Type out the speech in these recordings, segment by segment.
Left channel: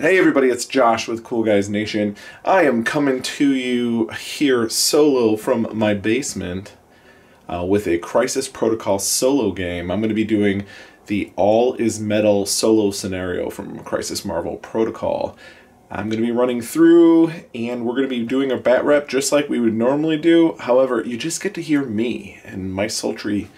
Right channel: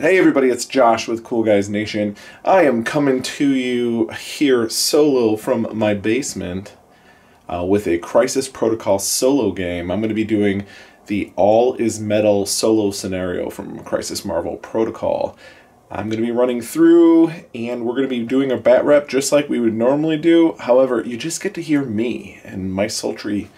Hey everybody, it's Josh with Cool Guys Nation. I am coming to you here solo from my basement with a Crisis Protocol solo game. I'm going to be doing the All Is Metal solo scenario from Crisis Marvel Protocol. I'm going to be running through and we're going to be doing a bat rep just like we would normally do. However, you just get to hear me and my sultry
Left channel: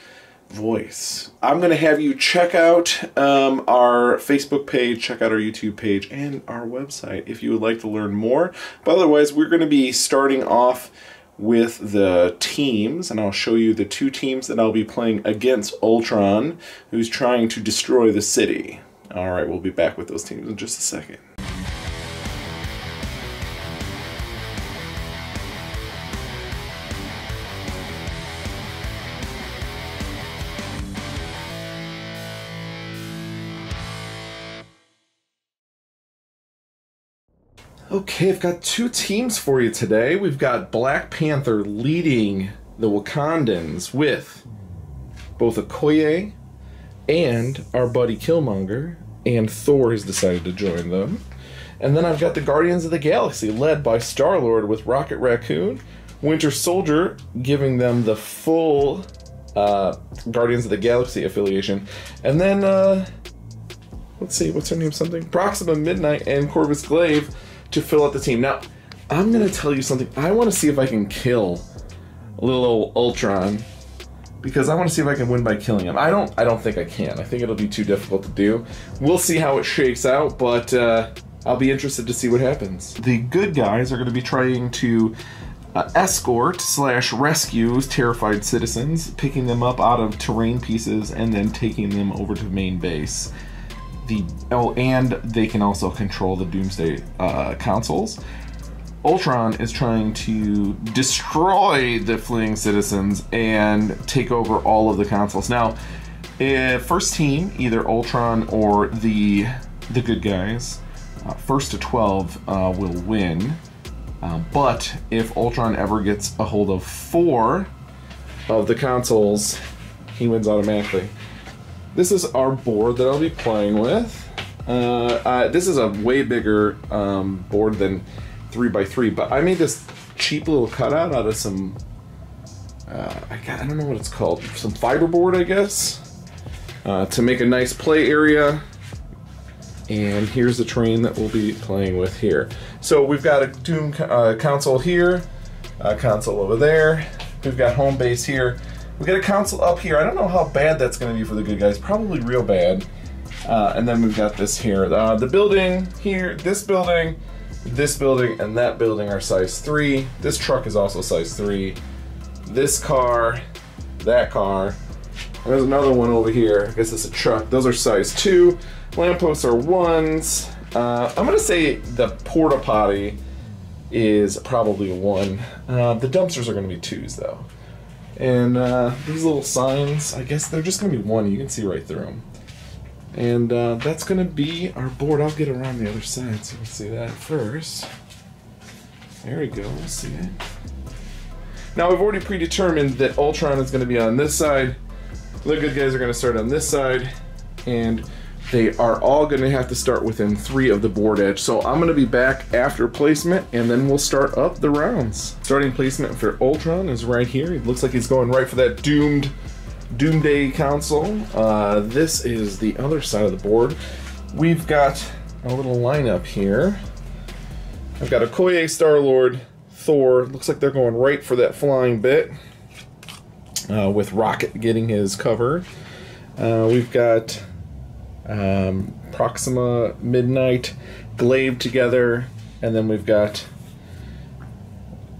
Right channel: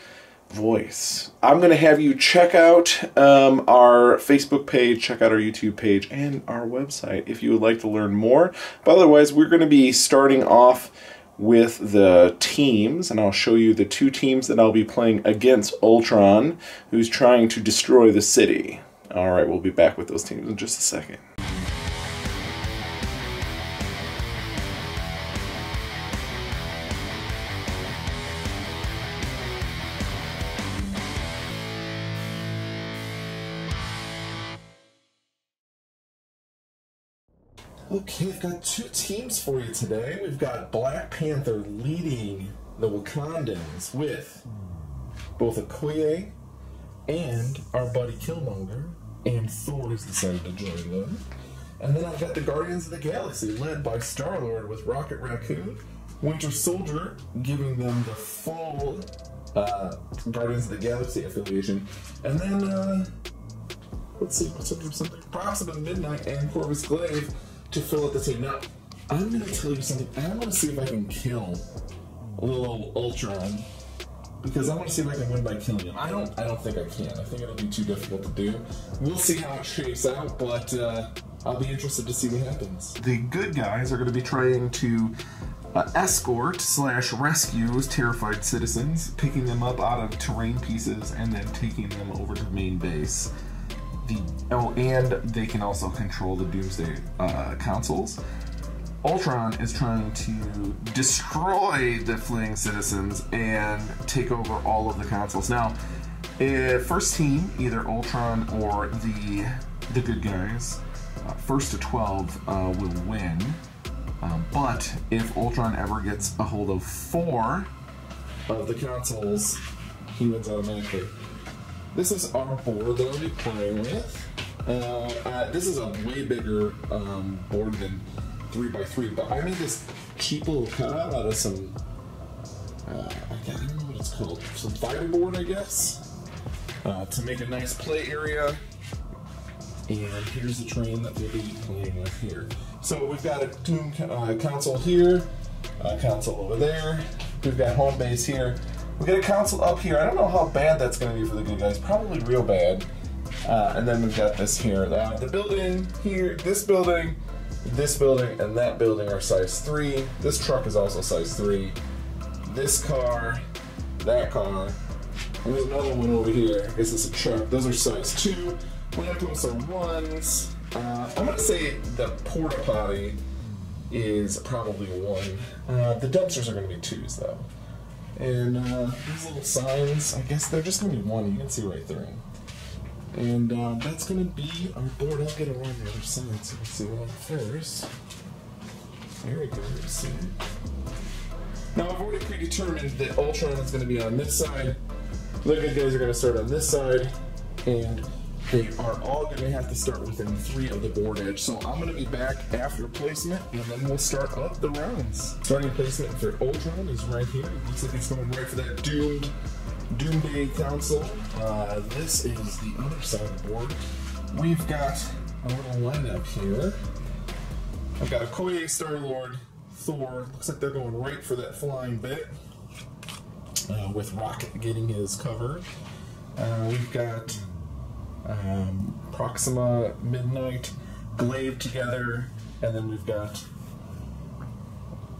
voice. I'm going to have you check out our Facebook page, check out our YouTube page, and our website if you would like to learn more. But otherwise, we're going to be starting off with the teams, and I'll show you the two teams that I'll be playing against Ultron, who's trying to destroy the city. Alright, we'll be back with those teams in just a second. Okay, I've got two teams for you today. We've got Black Panther leading the Wakandans with both Okoye and our buddy Killmonger, and Thor has decided to join them. And then I've got the Guardians of the Galaxy led by Star-Lord with Rocket Raccoon, Winter Soldier giving them the full Guardians of the Galaxy affiliation, and then let's see, what's her name? Proxima Midnight and Corvus Glaive to fill out the team. Now, I'm going to tell you something. I want to see if I can kill little old Ultron, because I want to see if I can win by killing him. I don't think I can. I think it'll be too difficult to do. We'll see how it shakes out, but I'll be interested to see what happens. The good guys are going to be trying to escort/rescue terrified citizens, picking them up out of terrain pieces and then taking them over to the main base. And they can also control the Doomsday consoles. Ultron is trying to destroy the fleeing citizens and take over all of the consoles. Now, first team, either Ultron or the good guys, first to 12 will win. But if Ultron ever gets a hold of 4 of the consoles, he wins automatically. This is our board that I'll be playing with. This is a way bigger board than 3x3, but I made this cheap little cutout out of some, I don't know what it's called, some fiberboard, I guess, to make a nice play area. And here's the terrain that we'll be playing with here. So we've got a Doom console here, a console over there. We've got home base here. We got a console up here. I don't know how bad that's going to be for the good guys. Probably real bad. And then we've got this here. The building here, this building, and that building are size 3. This truck is also size 3. This car, that car. And there's another one over here. I guess it's a truck. Those are size 2. Lampposts are 1s. I'm going to say the porta potty is probably a 1. The dumpsters are going to be 2s though. And these little signs, I guess they're just going to be 1. You can see right through them. And that's going to be our board. I'll get around the other side so you can see that first. There we go. We'll see it. Now, I've already predetermined that Ultron is going to be on this side. The good guys are going to start on this side. And they are all going to have to start within 3 of the board edge. So I'm going to be back after placement, and then we'll start up the rounds. Starting placement for Ultron is right here. It looks like he's going right for that Doomsday console. This is the other side of the board. We've got a little lineup here. I've got Okoye, Star-Lord, Thor. Looks like they're going right for that flying bit, with Rocket getting his cover. We've got Proxima, Midnight, Glaive together, and then we've got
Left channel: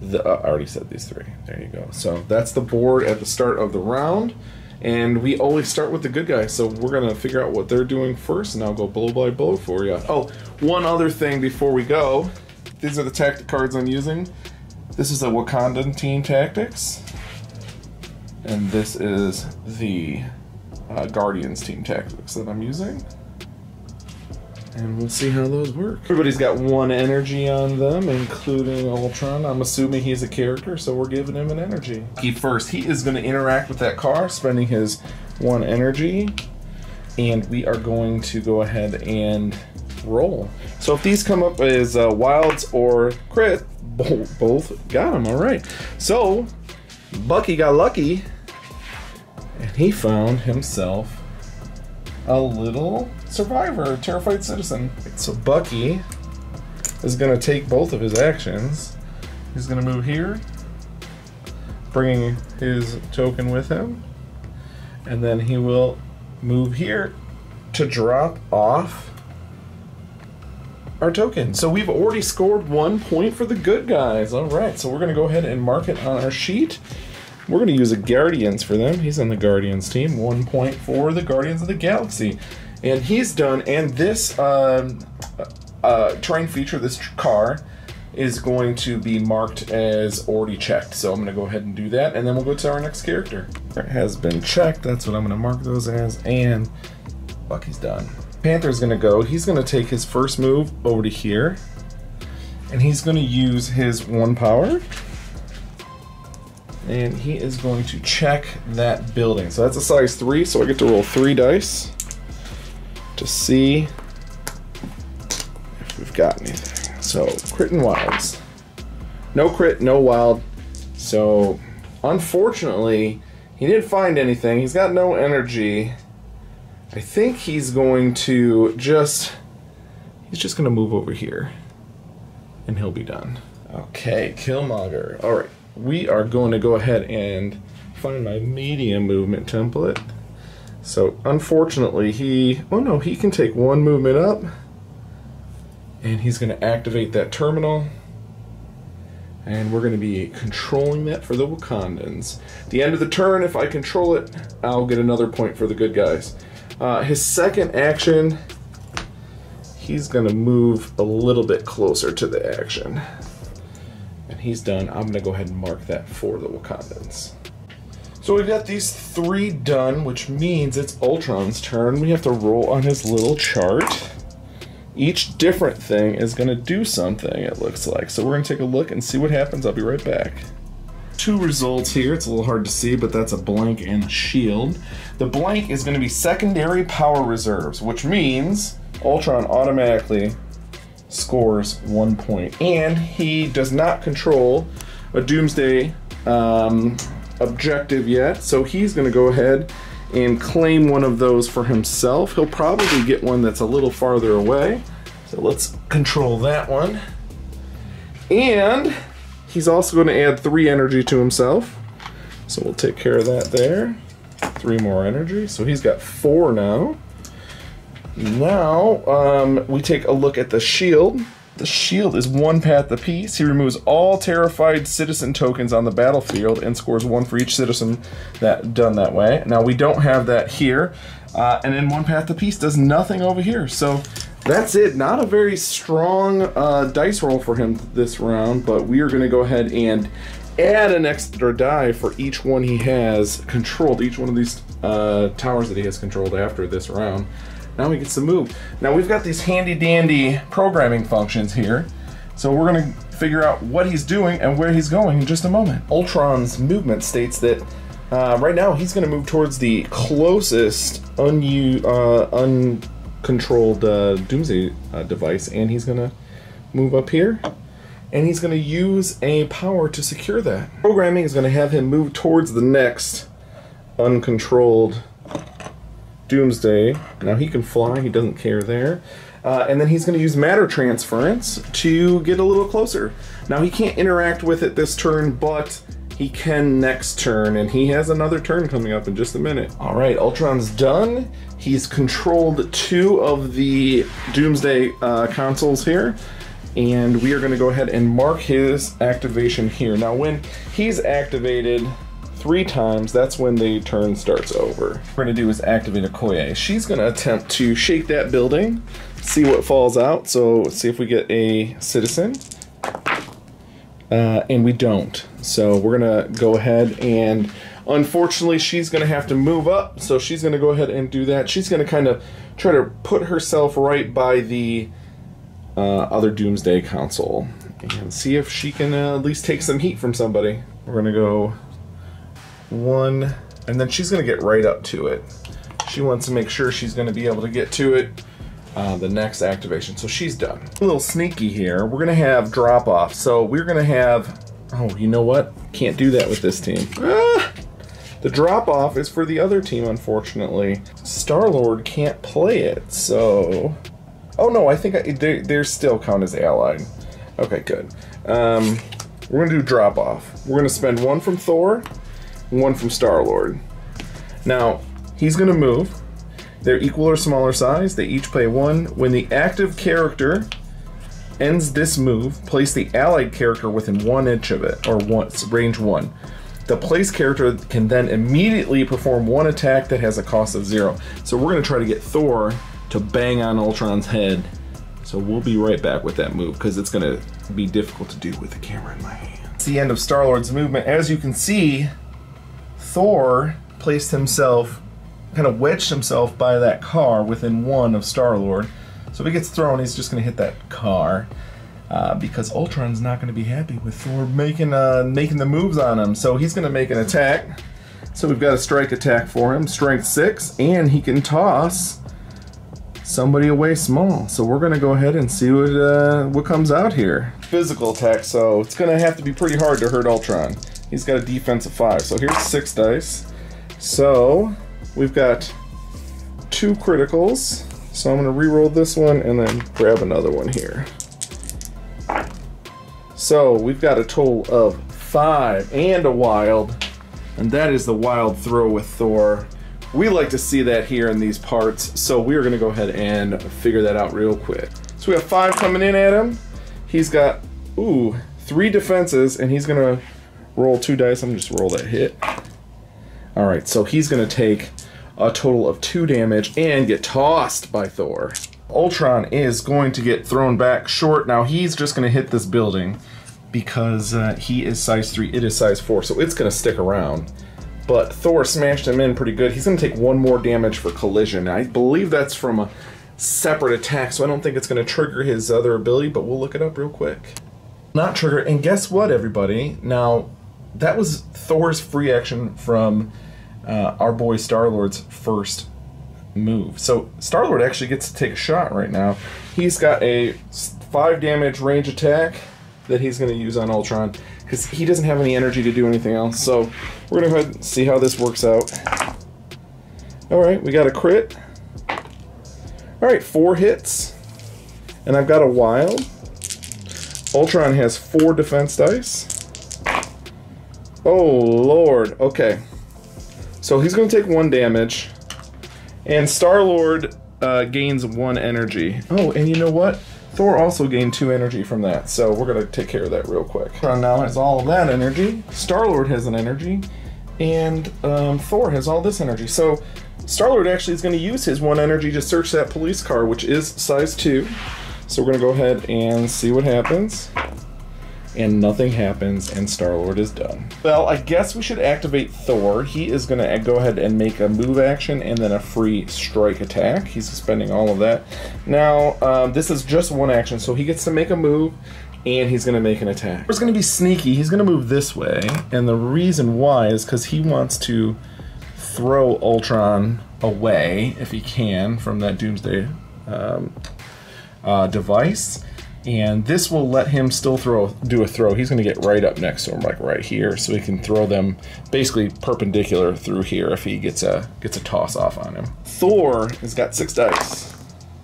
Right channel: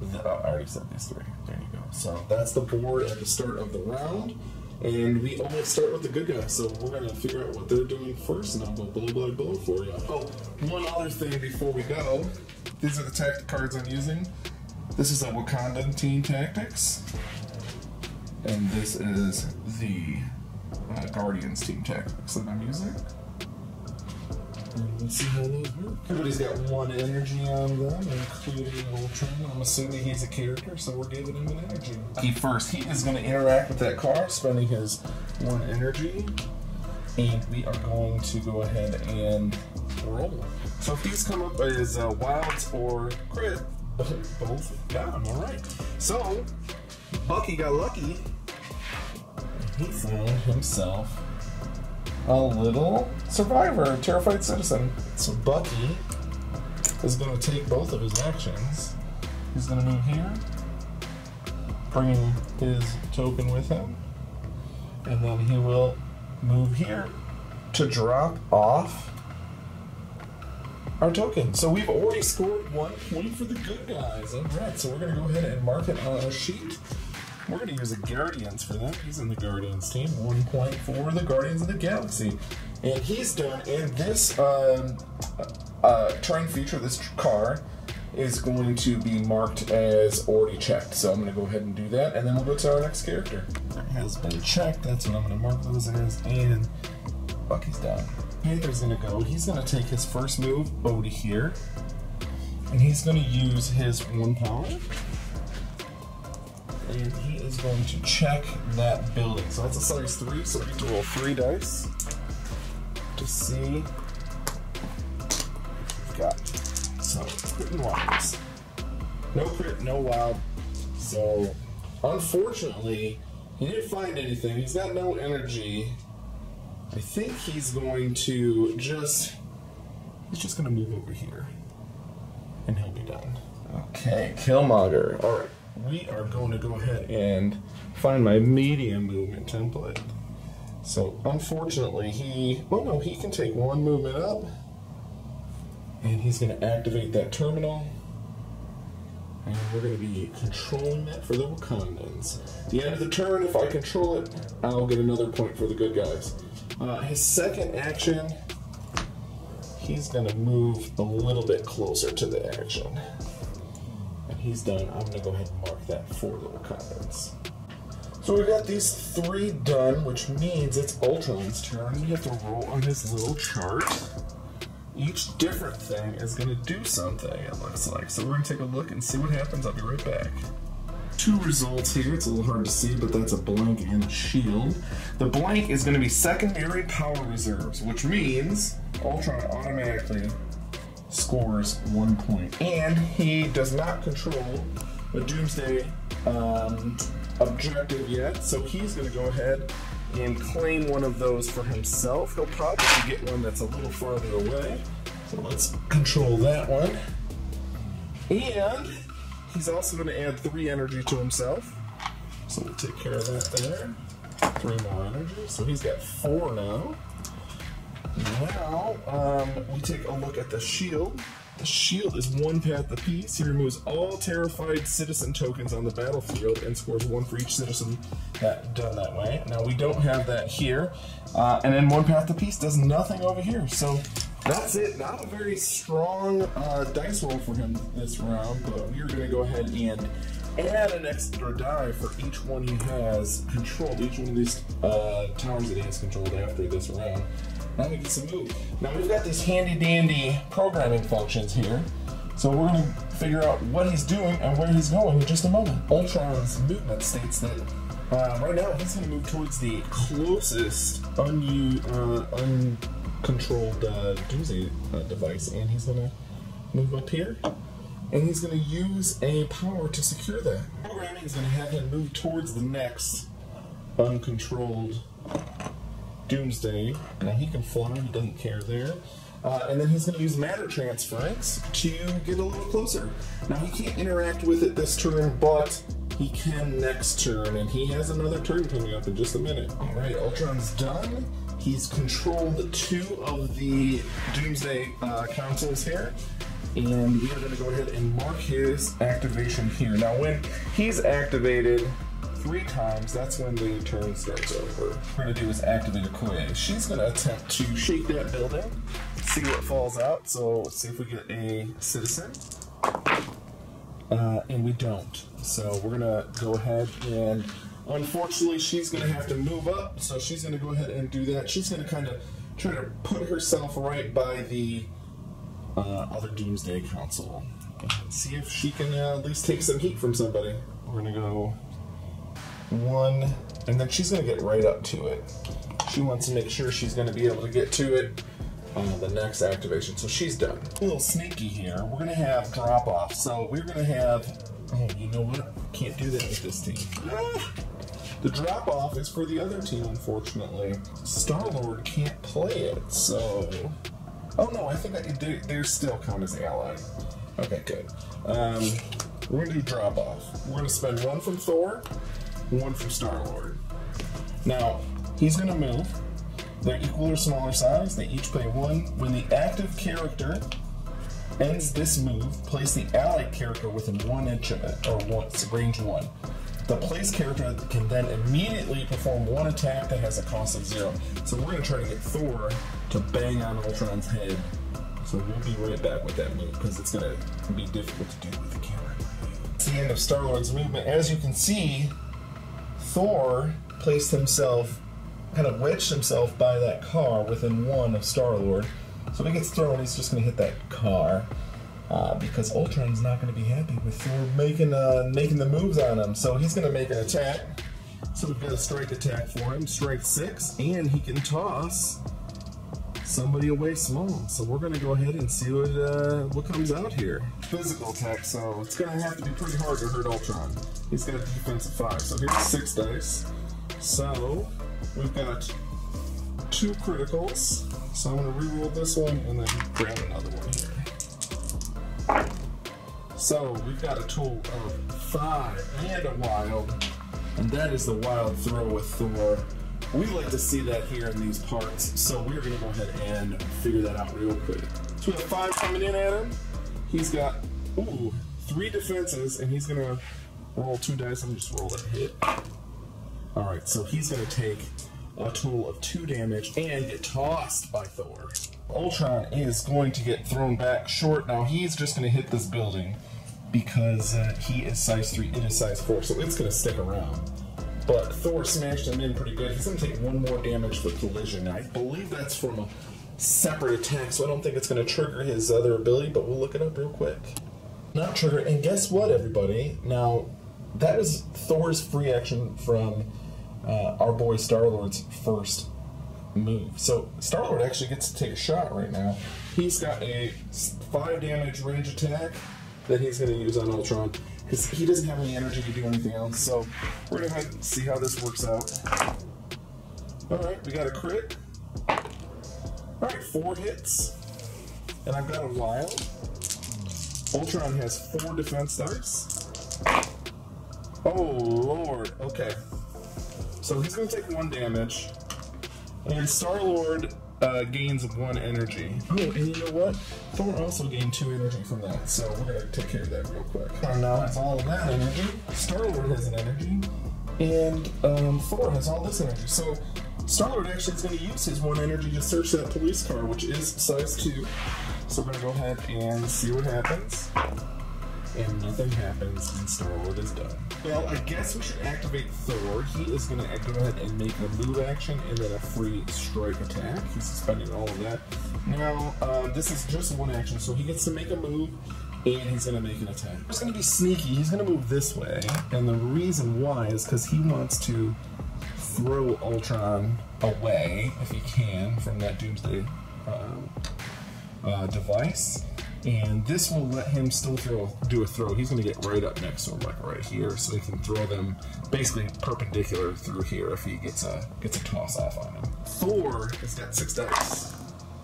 the I already said these 3. There you go. So that's the board at the start of the round, and we always start with the good guys. So we're gonna figure out what they're doing first, and I'll go blow by blow for you. Oh, one other thing before we go. These are the tactic cards I'm using. This is a Wakandan Team Tactics, and this is the Guardians Team Tactics that I'm using. And we'll see how those work. Everybody's got 1 energy on them, including Ultron. I'm assuming he's a character, so we're giving him an energy. He is going to interact with that car, spending his 1 energy. And we are going to go ahead and roll. So if these come up as wilds or crit, both got them. All right. So Bucky got lucky, and he found himself a little survivor, a terrified citizen. So Bucky is going to take both of his actions. He's going to move here, bringing his token with him, and then he will move here to drop off our token. So we've already scored 1 point for the good guys. All right, so we're going to go ahead and mark it on our sheet. We're going to use a Guardians for them. He's on the Guardians team. 1 point for the Guardians of the Galaxy. And he's done, and this terrain feature, this car, is going to be marked as already checked. So I'm going to go ahead and do that, and then we'll go to our next character. It has been checked. That's what I'm going to mark those as, and Bucky's done. Panther's going to go. He's going to take his first move over to here, and he's going to use his 1 power, and he is going to check that building. So that's a size 3, so I get to roll 3 dice to see if we've got anything. So crit and wilds. No crit, no wild. So unfortunately, he didn't find anything. He's got no energy. I think he's going to just gonna move over here, and he'll be done. Okay, Killmonger. All right, we are going to go ahead and find my medium movement template. So unfortunately, he can take 1 movement up, and he's going to activate that terminal, and we're going to be controlling that for the Wakandans. At the end of the turn, if I control it, I'll get another point for the good guys. His second action, he's going to move a little bit closer to the action, and he's done. I'm going to go ahead and mark that for the Wakandans. So we've got these 3 done, which means it's Ultron's turn. We have to roll on his little chart. Each different thing is going to do something, it looks like. So we're going to take a look and see what happens. I'll be right back. 2 results here. It's a little hard to see, but that's a blank and a shield. The blank is going to be secondary power reserves, which means Ultron automatically scores 1 point. And he does not control a Doomsday objective yet, so he's going to go ahead and claim one of those for himself. He'll probably get one that's a little farther away. So let's control that one. And he's also going to add 3 energy to himself. So we'll take care of that there. 3 more energy. So he's got 4 now. Now we take a look at the shield. The shield is 1 path apiece. He removes all terrified citizen tokens on the battlefield and scores 1 for each citizen that done that way. Now we don't have that here. And then 1 path apiece does nothing over here. So that's it. Not a very strong dice roll for him this round, but we are going to go ahead and add an extra die for each one he has controlled, each one of these towers that he has controlled after this round. Now we get to move. Now we've got these handy dandy programming functions here. So we're going to figure out what he's doing and where he's going in just a moment. Ultron's movement states that right now he's going to move towards the closest uncontrolled Doomsday device, and he's going to move up here, and he's going to use a power to secure that. Programming is going to have him move towards the next uncontrolled Doomsday. Now he can fly, he doesn't care there. And then he's going to use matter transference to get a little closer. Now he can't interact with it this turn, but he can next turn, and he has another turn coming up in just a minute. All right, Ultron's done. He's controlled 2 of the Doomsday consoles here, and we are going to go ahead and mark his activation here. Now when he's activated 3 times, that's when the turn starts over. What we're going to do is activate Okoye. She's going to attempt to shake that building, see what falls out. So let's see if we get a citizen. And we don't. So we're going to go ahead and, unfortunately, she's going to have to move up. So she's going to go ahead and do that. She's going to kind of try to put herself right by the other Doomsday console and see if she can at least take some heat from somebody. We're going to go 1, and then she's going to get right up to it. She wants to make sure she's going to be able to get to it the next activation. So she's done. A little sneaky here. We're gonna have drop off. So we're gonna have, oh, you know what? Can't do that with this team. The drop off is for the other team, unfortunately. Star-Lord can't play it, so. Oh no, I think they're still count as allied. Okay, good. We're gonna do drop off. We're gonna spend one from Thor, one from Star-Lord. Now, he's gonna move. They're equal or smaller size. They each play one. When the active character ends this move, place the allied character within 1 inch of it, or range 1. The placed character can then immediately perform one attack that has a cost of 0. So we're gonna try to get Thor to bang on Ultron's head. So we'll be right back with that move, because it's gonna be difficult to do with the camera in my hand. It's the end of Star-Lord's movement. As you can see, Thor placed himself, kind of wedged himself by that car within 1 of Star-Lord. So if he gets thrown, he's just going to hit that car. Because Ultron's not going to be happy with Thor making the moves on him. So he's going to make an attack. So we've got a strike attack for him, strength 6, and he can toss somebody away small. So we're going to go ahead and see what comes out here. Physical attack, so it's going to have to be pretty hard to hurt Ultron. He's got a defense of 5. So here's 6 dice. So we've got 2 criticals, so I'm going to re-roll this one and then grab another one here. So we've got a total of 5 and a wild, and that is the wild throw with Thor. We like to see that here in these parts, so we're going to go ahead and figure that out real quick. So we have 5 coming in at him. He's got, 3 defenses, and he's going to roll 2 dice. I'm going to just roll that hit. Alright, so he's going to take a total of 2 damage and get tossed by Thor. Ultron is going to get thrown back short. Now he's just going to hit this building because he is size 3, it is size 4, so it's going to stick around. But Thor smashed him in pretty good. He's going to take 1 more damage for collision. I believe that's from a separate attack, so I don't think it's going to trigger his other ability, but we'll look it up real quick. Not trigger, and guess what, everybody? Now, that was Thor's free action from our boy Star-Lord's first move. So Star-Lord actually gets to take a shot right now. He's got a 5 damage range attack that he's going to use on Ultron because he doesn't have any energy to do anything else. So we're going to go ahead and see how this works out. Alright, we got a crit. Alright, 4 hits. And I've got a wild. Ultron has 4 defense dice. Oh, Lord. Okay. So he's going to take 1 damage. And Star-Lord gains 1 energy. Oh, and you know what? Thor also gained 2 energy from that. So we're going to take care of that real quick. Now has all of that energy. Star-Lord has an energy. And Thor has all this energy. So Star-Lord actually is going to use his 1 energy to search that police car, which is size 2. So we're going to go ahead and see what happens. And nothing happens, and Star-Lord is done. Well, I guess we should activate Thor. He is going to go ahead and make a move action and then a free strike attack. He's spending all of that. Now, this is just 1 action, so he gets to make a move, and he's going to make an attack. He's going to be sneaky. He's going to move this way, and the reason why is because he wants to throw Ultron away, if he can, from that Doomsday device. And this will let him still do a throw. He's going to get right up next to him, like right here, so he can throw them basically perpendicular through here if he gets a toss off on him. Thor has got 6 dice.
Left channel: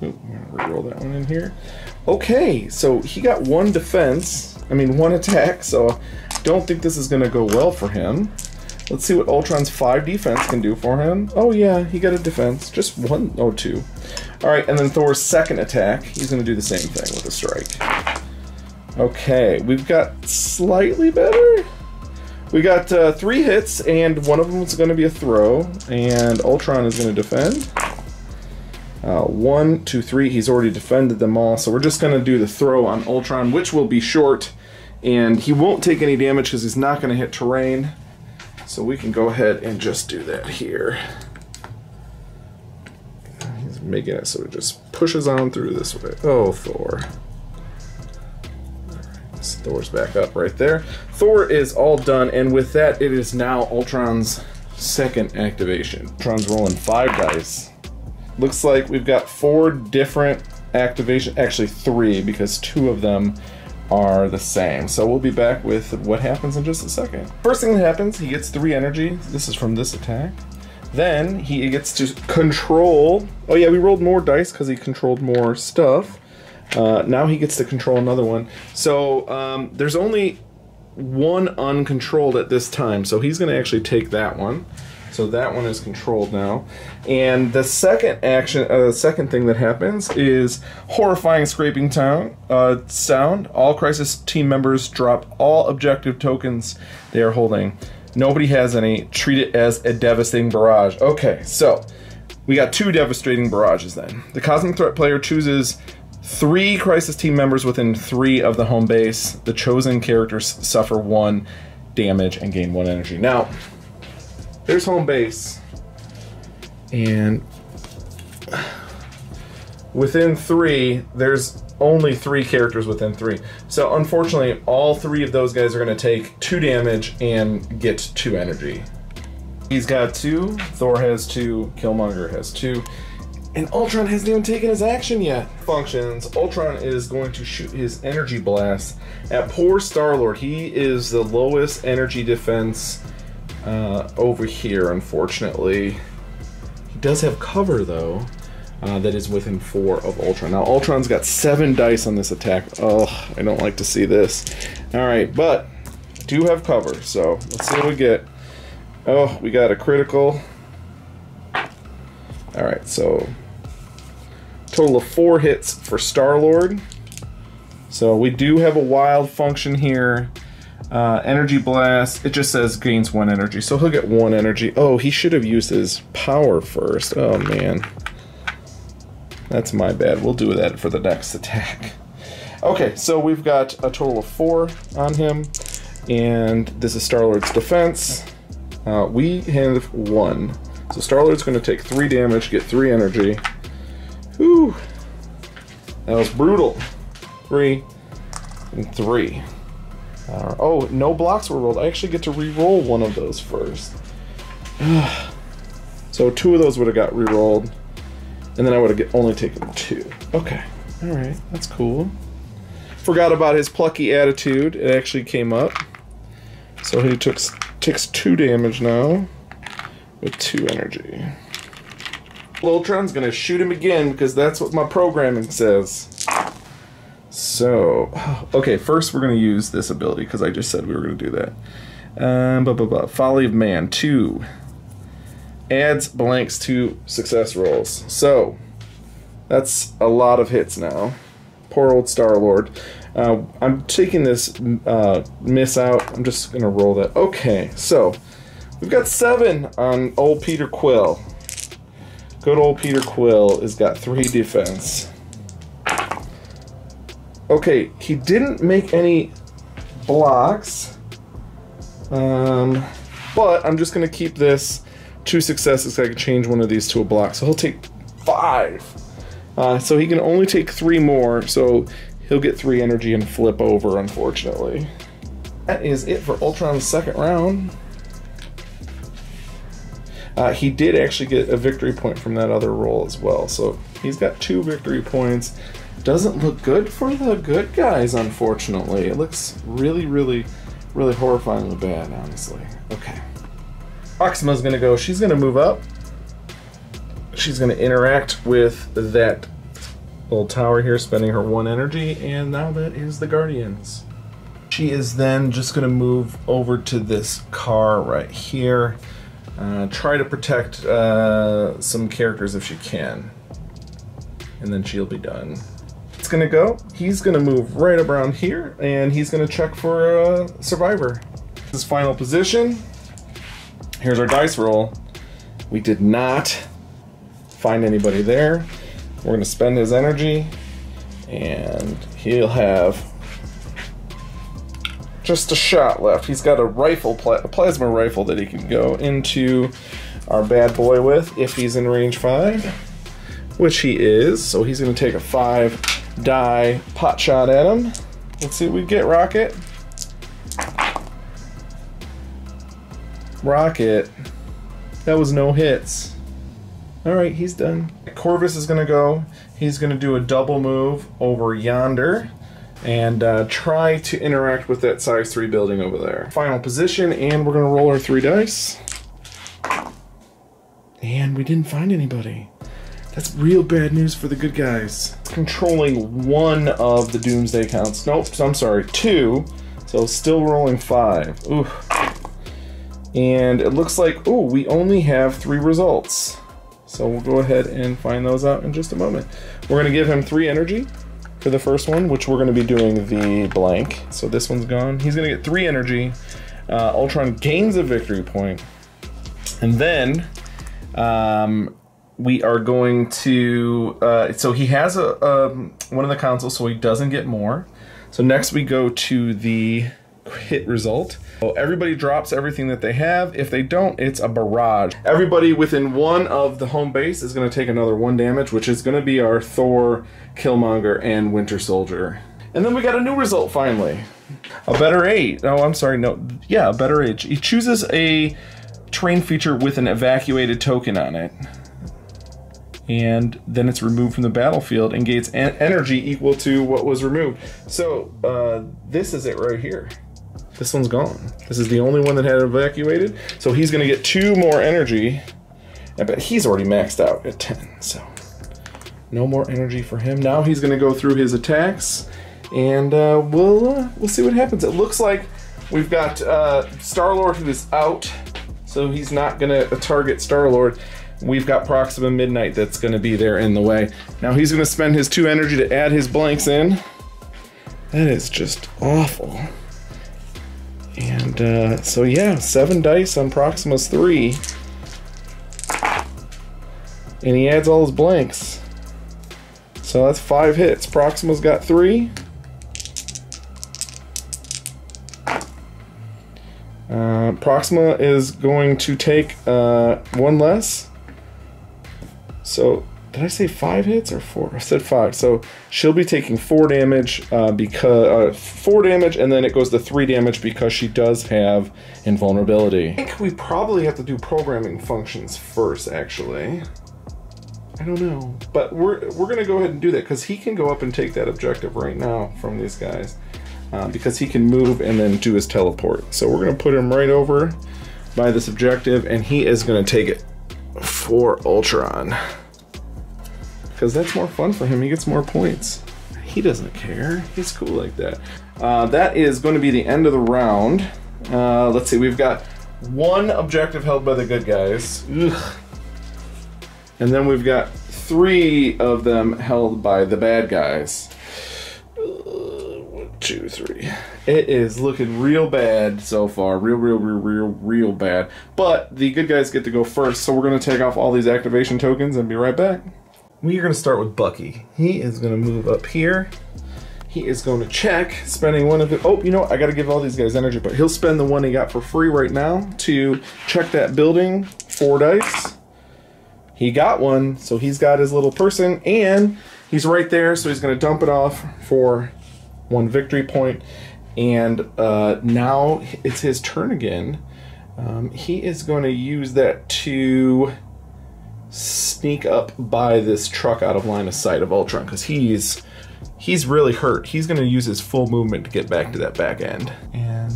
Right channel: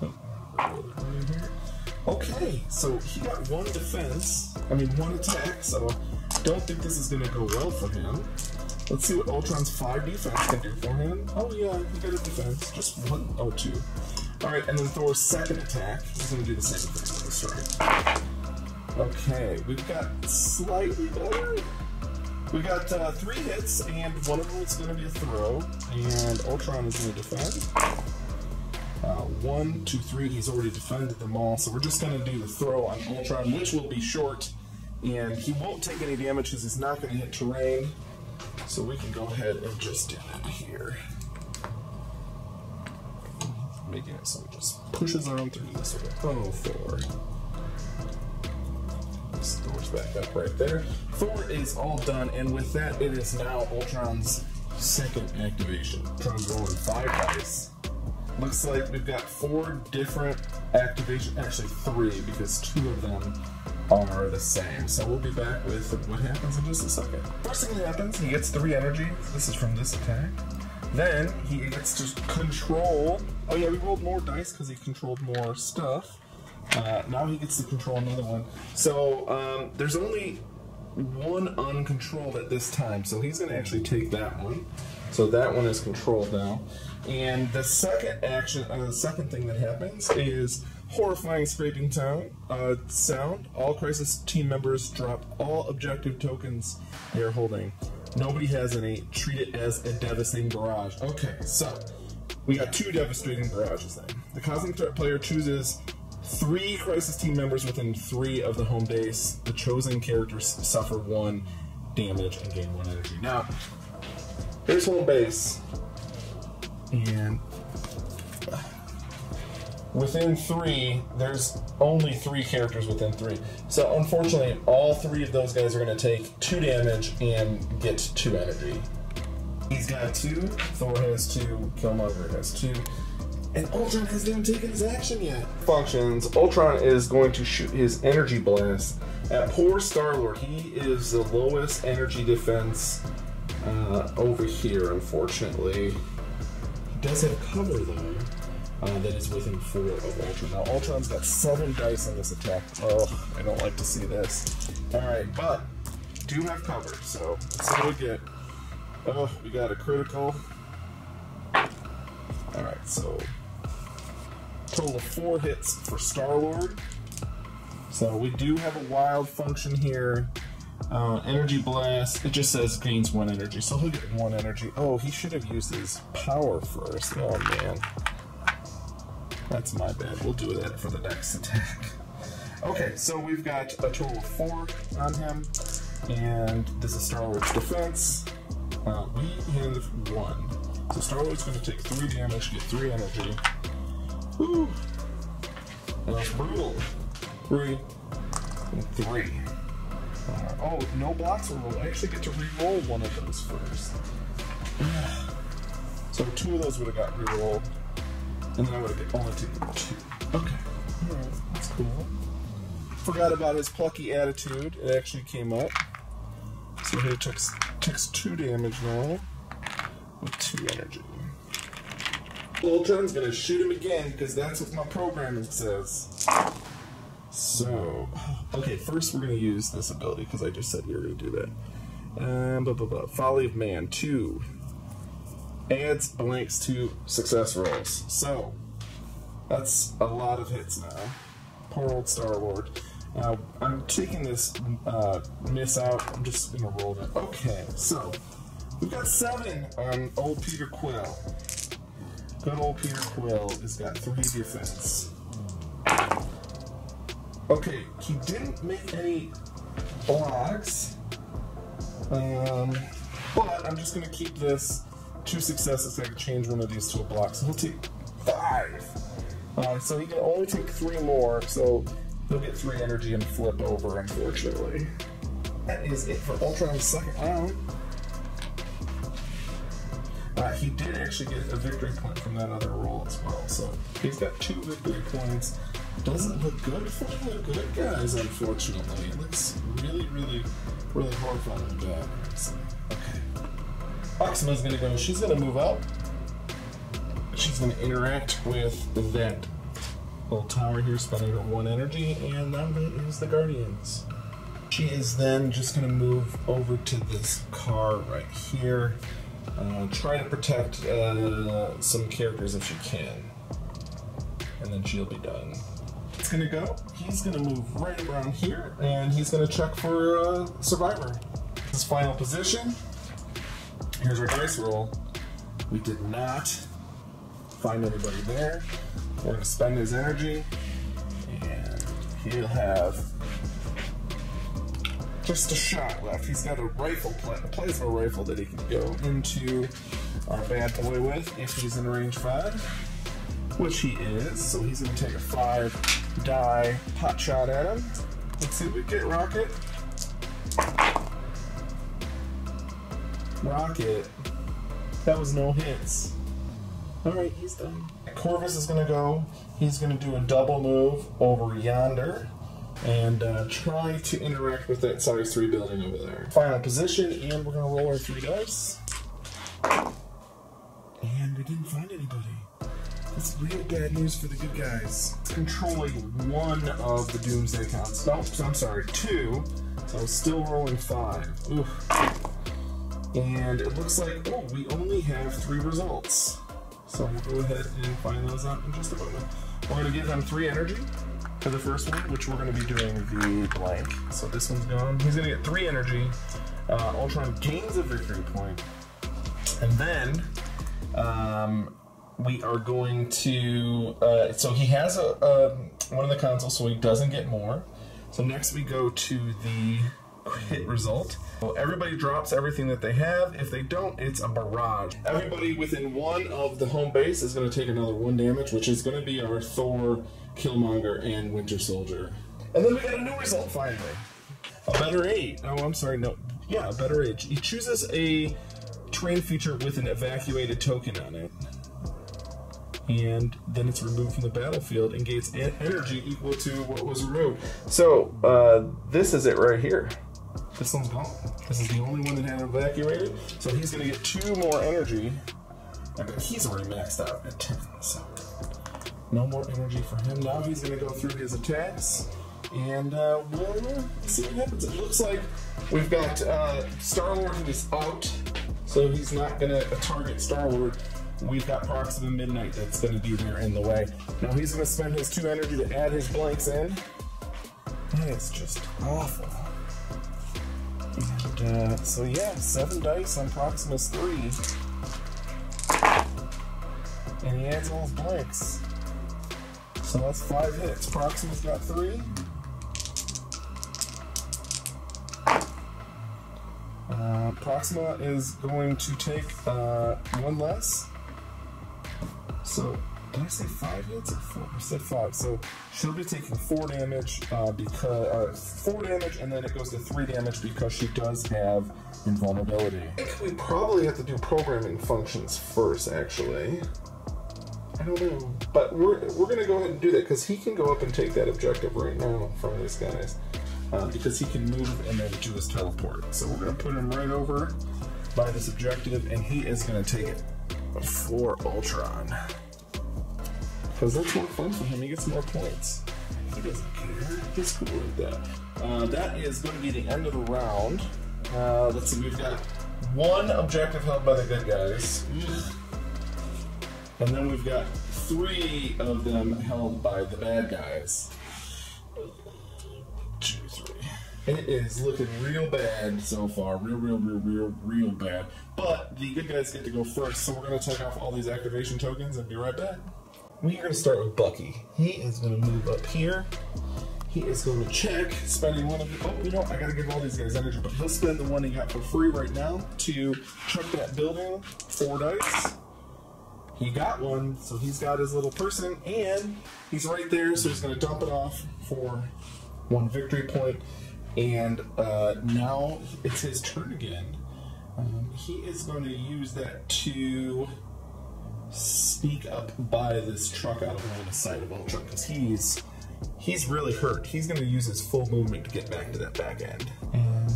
Ooh, I'm gonna roll that one in here. Okay, so he got 1 defense. I mean 1 attack. So I don't think this is going to go well for him. Let's see what Ultron's 5 defense can do for him. Oh yeah, he got a defense. Just 1, oh 2. Alright, and then Thor's second attack, he's going to do the same thing with a strike. Okay, we've got slightly better. We got 3 hits, and one of them is going to be a throw, and Ultron is going to defend. 1, 2, 3, he's already defended them all, so we're just going to do the throw on Ultron, which will be short, and he won't take any damage because he's not going to hit terrain. So we can go ahead and just do that here. Making it so it just pushes on through this way. Oh, Thor. Thor's back up right there. Thor is all done, and with that, it is now Ultron's second activation. Ultron's rolling 5 dice. looks like we've got 4 different activation, actually 3, because 2 of them are the same. So we'll be back with what happens in just a second. First thing that happens, he gets 3 energy. This is from this attack. Then he gets to control. Oh yeah, we rolled more dice because he controlled more stuff. Now he gets to control another one. So there's only 1 uncontrolled at this time. So he's going to actually take that one. So that one is controlled now. And the second action, second thing that happens is horrifying scraping sound. All Crisis team members drop all objective tokens they are holding. Nobody has any. Treat it as a devastating barrage. Okay, so we got 2 devastating barrages then. The Cosmic Threat player chooses 3 Crisis team members within 3 of the home base. The chosen characters suffer 1 damage and gain 1 energy. Now, there's home base, and within 3, there's only 3 characters within 3. So unfortunately, all 3 of those guys are going to take 2 damage and get 2 energy. He's got 2, Thor has 2, Killmonger has 2, and Ultron hasn't even taken his action yet. Functions, Ultron is going to shoot his energy blast at poor Star-Lord. He is the lowest energy defense over here, unfortunately. He does have cover, though, that is within 4 of Ultron. Now, Ultron's got 7 dice on this attack. Oh, I don't like to see this. Alright, but do have cover, so let's see what we get. Oh, we got a critical. Alright, so total of 4 hits for Star-Lord. So we do have a wild function here. Energy blast, it just says gains 1 energy, so he'll get 1 energy. Oh, he should have used his power first. Oh man, that's my bad. We'll do that for the next attack. Okay, so we've got a total of 4 on him, and this is Star-Lord's defense. We have 1, so Star-Lord's going to take 3 damage, get 3 energy. Whew, that was brutal. 3 and 3. Oh, no blocks were rolled. I actually get to re-roll one of those first. So 2 of those would have got re-rolled, and then I would have only taken 2. Okay, all right, that's cool. Forgot about his plucky attitude. It actually came up. So he takes 2 damage now with 2 energy. Ultron's gonna shoot him again because that's what my programming says. So, okay, first we're going to use this ability because I just said we were going to do that. Folly of Man 2 adds blanks to success rolls. So, that's a lot of hits now. Poor old Star-Lord. I'm taking this miss out. I'm just going to roll that. Okay, so we've got 7 on old Peter Quill. Good old Peter Quill has got 3 defense. Okay, he didn't make any blocks, but I'm just going to keep this 2 successes so I can change one of these to a block. So he'll take 5. So he can only take 3 more, so he'll get 3 energy and flip over, unfortunately. That is it for Ultron's second round. He did actually get a victory point from that other roll as well, so he's got 2 victory points. Doesn't look good for the good guys, unfortunately. It looks really, really, really horrifyingly bad, honestly. Okay. Proxima's gonna go, she's gonna move up. She's gonna interact with that little tower here, spending her 1 energy, and now that is the Guardians. She is then just gonna move over to this car right here. Try to protect some characters if she can. And then she'll be done. It's gonna go. He's gonna move right around here, and he's gonna check for a survivor. His final position. Here's our dice roll. We did not find anybody there. We're gonna spend his energy, and he'll have just a shot left. He's got a rifle, a plasma rifle that he can go into our bad boy with if he's in range 5, which he is. So he's gonna take a 5 die pot shot at him. Let's see what we get, Rocket. Rocket. That was no hits. All right, he's done. Corvus is gonna go. He's gonna do a double move over yonder and try to interact with that size 3 building over there. Final position, and we're gonna roll our 3 dice. And we didn't find anybody. That's real bad news for the good guys. Controlling 1 of the Doomsday counts. Nope, I'm sorry, 2. So still rolling 5. Ooh. And it looks like, oh, we only have 3 results. So we'll go ahead and find those out in just a moment. We're gonna give him 3 energy for the first one, which we're gonna be doing the blank. So this one's gone. He's gonna get 3 energy. Ultron gains a victory point. And then we are going to, so he has one of the consoles, so he doesn't get more. So next we go to the hit result. So everybody drops everything that they have. If they don't, it's a barrage. Everybody within 1 of the home base is going to take another 1 damage, which is going to be our Thor, Killmonger, and Winter Soldier. And then we got a new result finally. A better age. Oh, I'm sorry. No. Yeah, a better age. He chooses a terrain feature with an evacuated token on it. And then it's removed from the battlefield and gains energy equal to what was removed. So this is it right here. This one's gone. This is the only one that had evacuated. So he's gonna get 2 more energy. I bet he's already maxed out at 10, so no more energy for him. Now he's gonna go through his attacks, and we'll see what happens. It looks like we've got Star-Lord who is out, so he's not gonna target Star-Lord. We've got Proxima Midnight that's gonna be there in the way. Now he's gonna spend his 2 energy to add his blanks in. That is just awful. And so yeah, 7 dice on Proxima's 3. And he adds all his blanks. So that's 5 hits. Proxima's got 3. Proxima is going to take 1 less. So did I say 5 hits or 4? I said 5. So she'll be taking 4 damage because 4 damage, and then it goes to 3 damage because she does have invulnerability. I think we probably have to do programming functions first, actually. I don't know, but we're gonna go ahead and do that because he can go up and take that objective right now from these guys because he can move and then do his teleport. So we're gonna put him right over by this objective, and he is gonna take it for Ultron. Because that's more fun for him. He gets more points. He doesn't care. He's cool like that. That is going to be the end of the round. Let's see. We've got 1 objective held by the good guys. Ugh. And then we've got 3 of them held by the bad guys. 1, 2, 3. It is looking real bad so far. Real bad. But the good guys get to go first. So we're going to take off all these activation tokens and be right back. We are going to start with Bucky. He is going to move up here. He is going to check, spending 1 of it. Oh, you know what? I got to give all these guys energy, but he'll spend the 1 he got for free right now to check that building. 4 dice. He got 1, so he's got his little person, and he's right there, so he's going to dump it off for 1 victory point. And now it's his turn again. He is going to use that to sneak up by this truck out of line of sight of Ultron because he's really hurt. He's going to use his full movement to get back to that back end. And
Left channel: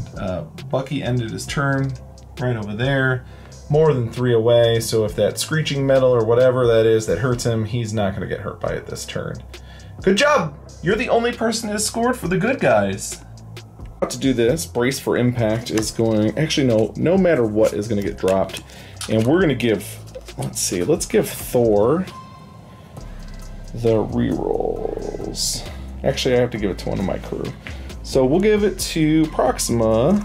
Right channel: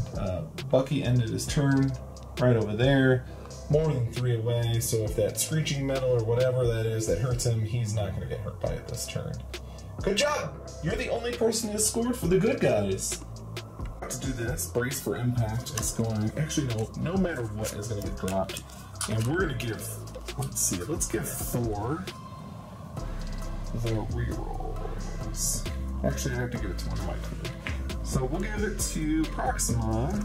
Bucky ended his turn right over there, more than 3 away. So if that screeching metal or whatever that is that hurts him, he's not going to get hurt by it this turn. Good job! You're the only person that scored for the good guys. About to do this, brace for impact is going, actually no matter what is going to get dropped. And we're going to give, let's see, let's give Thor the rerolls. Actually, I have to give it to one of my crew. So we'll give it to Proxima.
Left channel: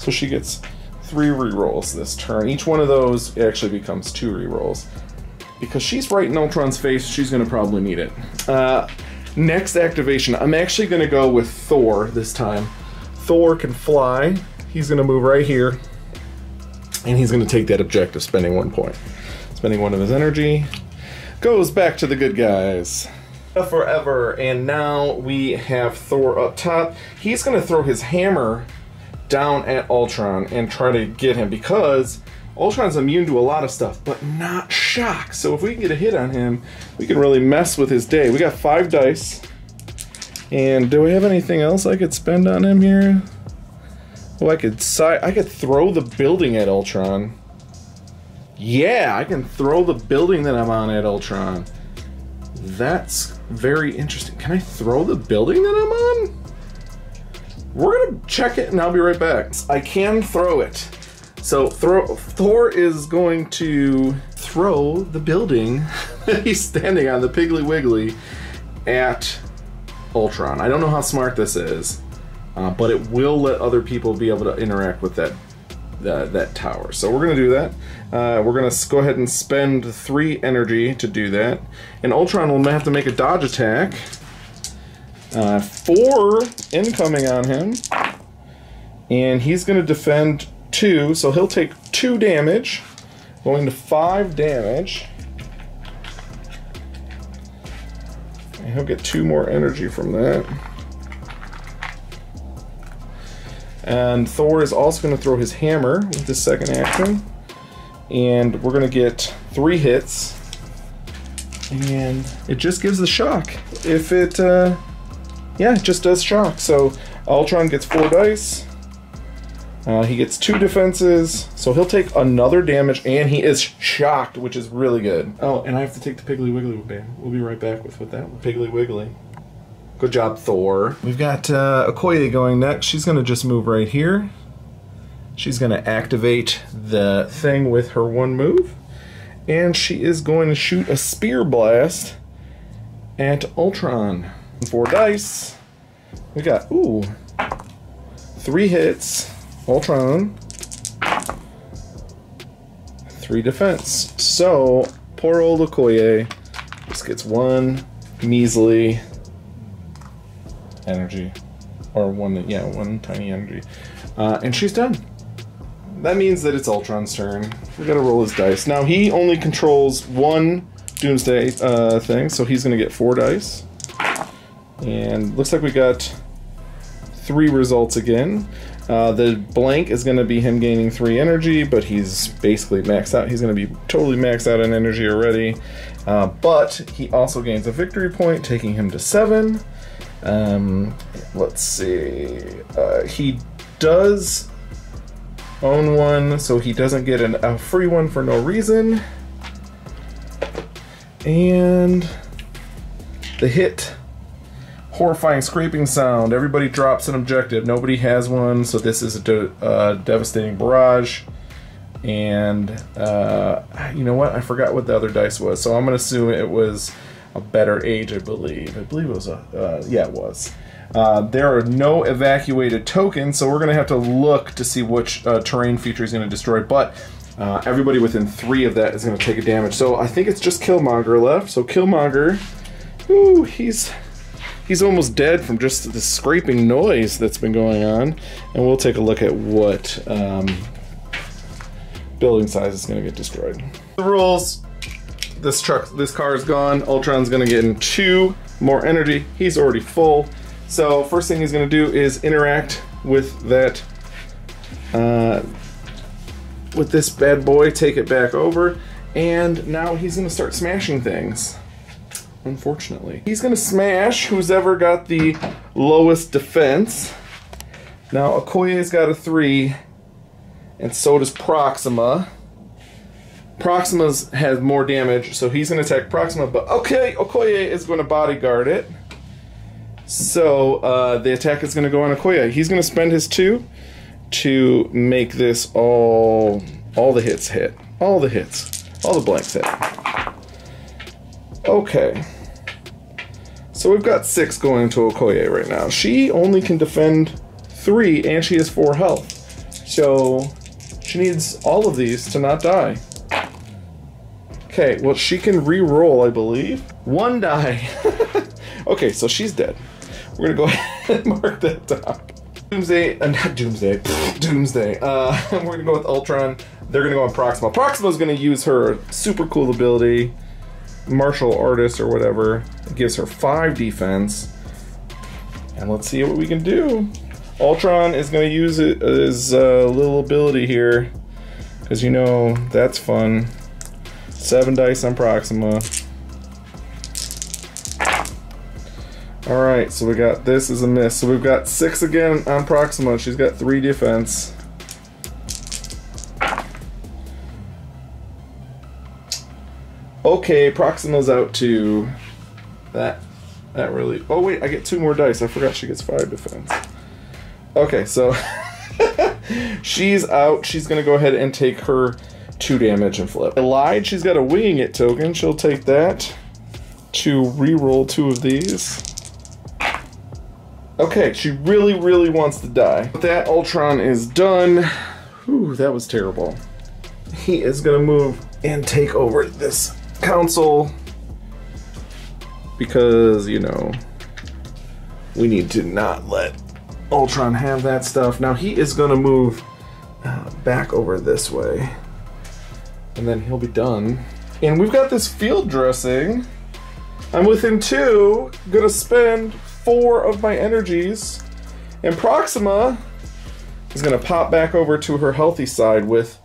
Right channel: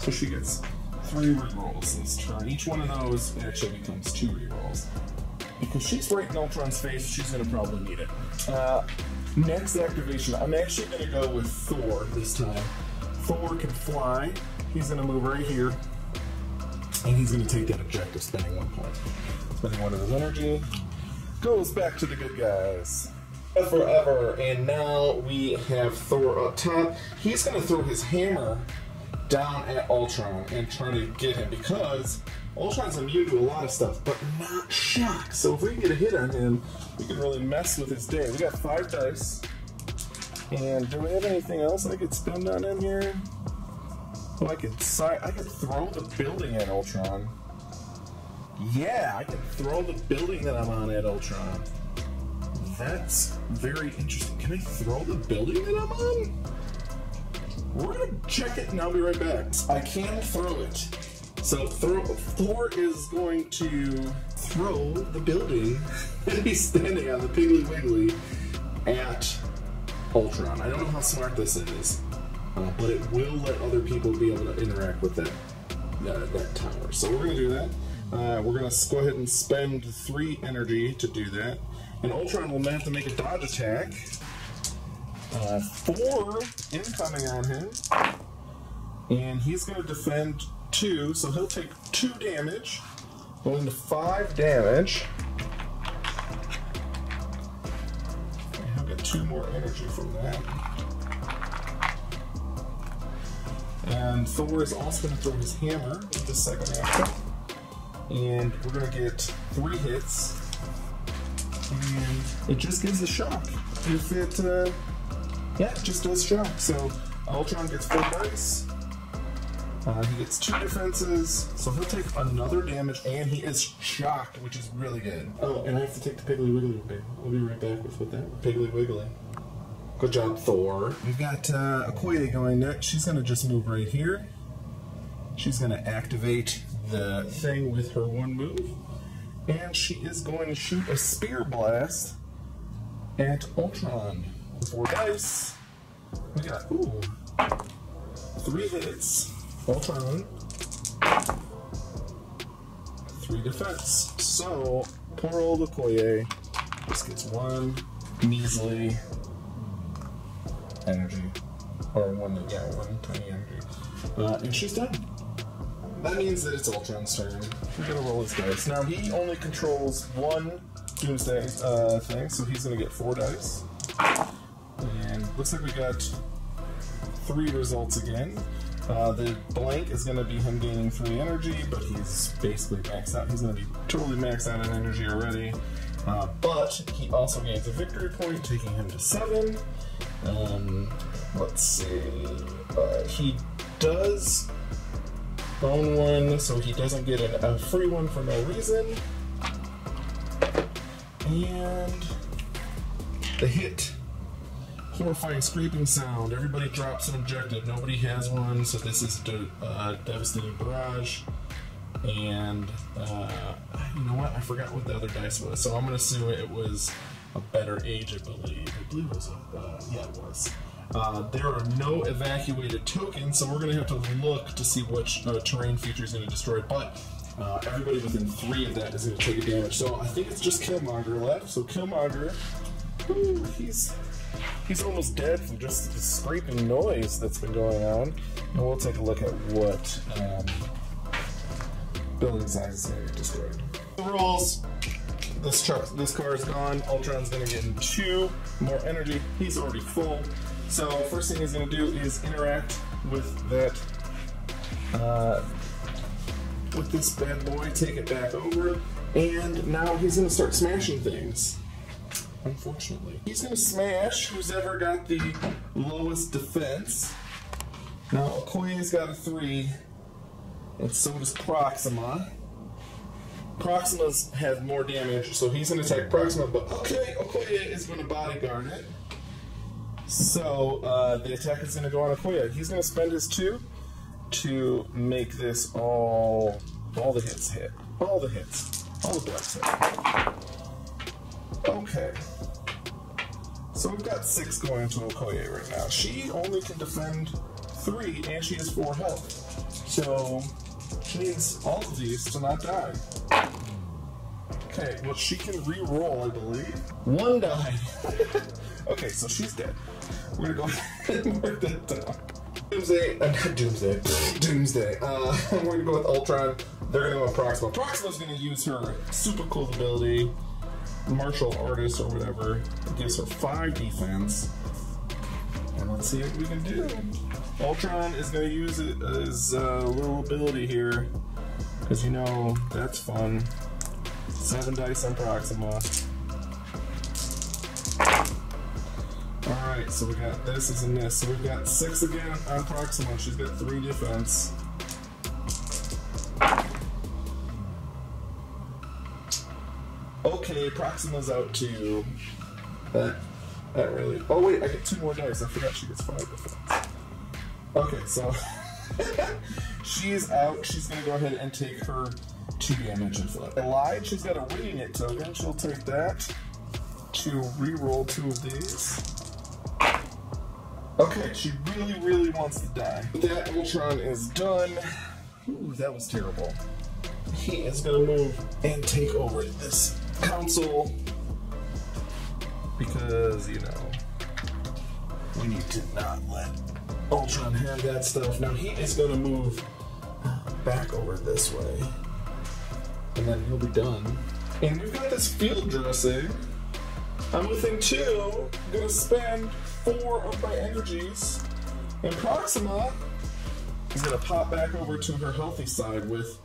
So she gets 3 rerolls this turn. Each one of those actually becomes 2 rerolls. Because she's right in Ultron's face, she's gonna probably need it. Next activation, I'm actually gonna go with Thor this time. Thor can fly. He's gonna move right here. And he's gonna take that objective, spending 1 point. Spending 1 of his energy. Goes back to the good guys. Forever, and now we have Thor up top. He's gonna throw his hammer down at Ultron and try to get him, because Ultron's immune to a lot of stuff, but not shock. So if we can get a hit on him, we can really mess with his day. We got 5 dice. And do we have anything else I could spend on him here? Oh, I could throw the building at Ultron. Yeah, I can throw the building that I'm on at Ultron. That's very interesting. Can I throw the building that I'm on? We're gonna check it and I'll be right back. I can throw it. So Thor is going to throw the building that he's standing on, the Piggly Wiggly, at Ultron. I don't know how smart this is, but it will let other people be able to interact with that tower. So we're gonna do that. We're gonna go ahead and spend 3 energy to do that, and Ultron will have to make a dodge attack. 4 incoming on him, and he's gonna defend 2, so he'll take 2 damage, going to 5 damage. And he'll get 2 more energy from that. And Thor is also going to throw his hammer with his second action. And we're going to get 3 hits. And it just gives a shock. If it, yeah, it just does shock. So Ultron gets 4 dice. He gets 2 defenses, so he'll take another damage, and he is shocked, which is really good. Oh, and I have to take the Piggly Wiggly, babe. We'll be right back with that one. Piggly Wiggly. Good job, Thor. We've got Okoye going next. She's going to just move right here. She's going to activate the thing with her 1 move, and she is going to shoot a Spear Blast at Ultron. 4 dice. We got, 3 hits. Ultron, 3 defense. So poor old Okoye just gets 1 measly energy, or 1 tiny energy, and she's done. That means that it's Ultron's turn. We gotta roll his dice. Now he only controls 1 Doomsday thing, so he's gonna get 4 dice. And looks like we got 3 results again. The blank is going to be him gaining 3 energy, but he's basically maxed out. He's going to be totally maxed out on energy already. But he also gains a victory point, taking him to 7. Let's see. He does own 1, so he doesn't get a free one for no reason. And the hit. Horrifying scraping sound. Everybody drops an objective. Nobody has one, so this is a devastating barrage. And you know what? I forgot what the other dice was, so I'm gonna assume it was a better age. I believe it was yeah, it was. There are no evacuated tokens, so we're gonna have to look to see which terrain feature is gonna destroy. But everybody within 3 of that is gonna take a damage. So I think it's just Killmonger left. So Killmonger, ooh, He's almost dead from just the scraping noise that's been going on. And we'll take a look at what building size is going to get destroyed. The rules. This car is gone. Ultron's going to get 2 more energy. He's already full. So first thing he's going to do is interact with that, with this bad boy, take it back over. And now he's going to start smashing things. Unfortunately. He's gonna smash who's ever got the lowest defense. Now Okoye's got a 3, and so does Proxima. Proxima's has more damage, so he's gonna attack Proxima, but okay, Okoye is gonna bodyguard it. So the attack is gonna go on Okoye. He's gonna spend his 2 to make this all the hits hit. All the hits. All the blanks hit. Okay. So we've got 6 going to Okoye right now. She only can defend 3, and she has 4 health. So she needs all of these to not die. Okay, well, she can re-roll, I believe. 1 die. Okay, so she's dead. We're gonna go ahead and mark that down. Doomsday, not Doomsday, Doomsday. We're gonna go with Ultron. They're gonna go on Proxima. Proxima's gonna use her super cool ability, Martial Artist or whatever. It gives her 5 defense. And let's see what we can do. Ultron is going to use it as a little ability here, because you know that's fun. 7 dice on Proxima. Alright, so we got this as a miss. So we've got 6 again on Proxima. She's got 3 defense. Okay, Proxima's out too. That really... Oh wait, I get 2 more dice. I forgot she gets 5 defense. Okay, so she's out. She's gonna go ahead and take her 2 damage and flip. I lied. She's got a winging it token. She'll take that to re-roll 2 of these. Okay, she really, really wants to die. But that Ultron is done. Whew, that was terrible. He is gonna move and take over this council because, you know, we need to not let Ultron have that stuff. Now he is gonna move back over this way, and then he'll be done. And we've got this field dressing. I'm within 2, gonna spend 4 of my energies, and Proxima is gonna pop back over to her healthy side with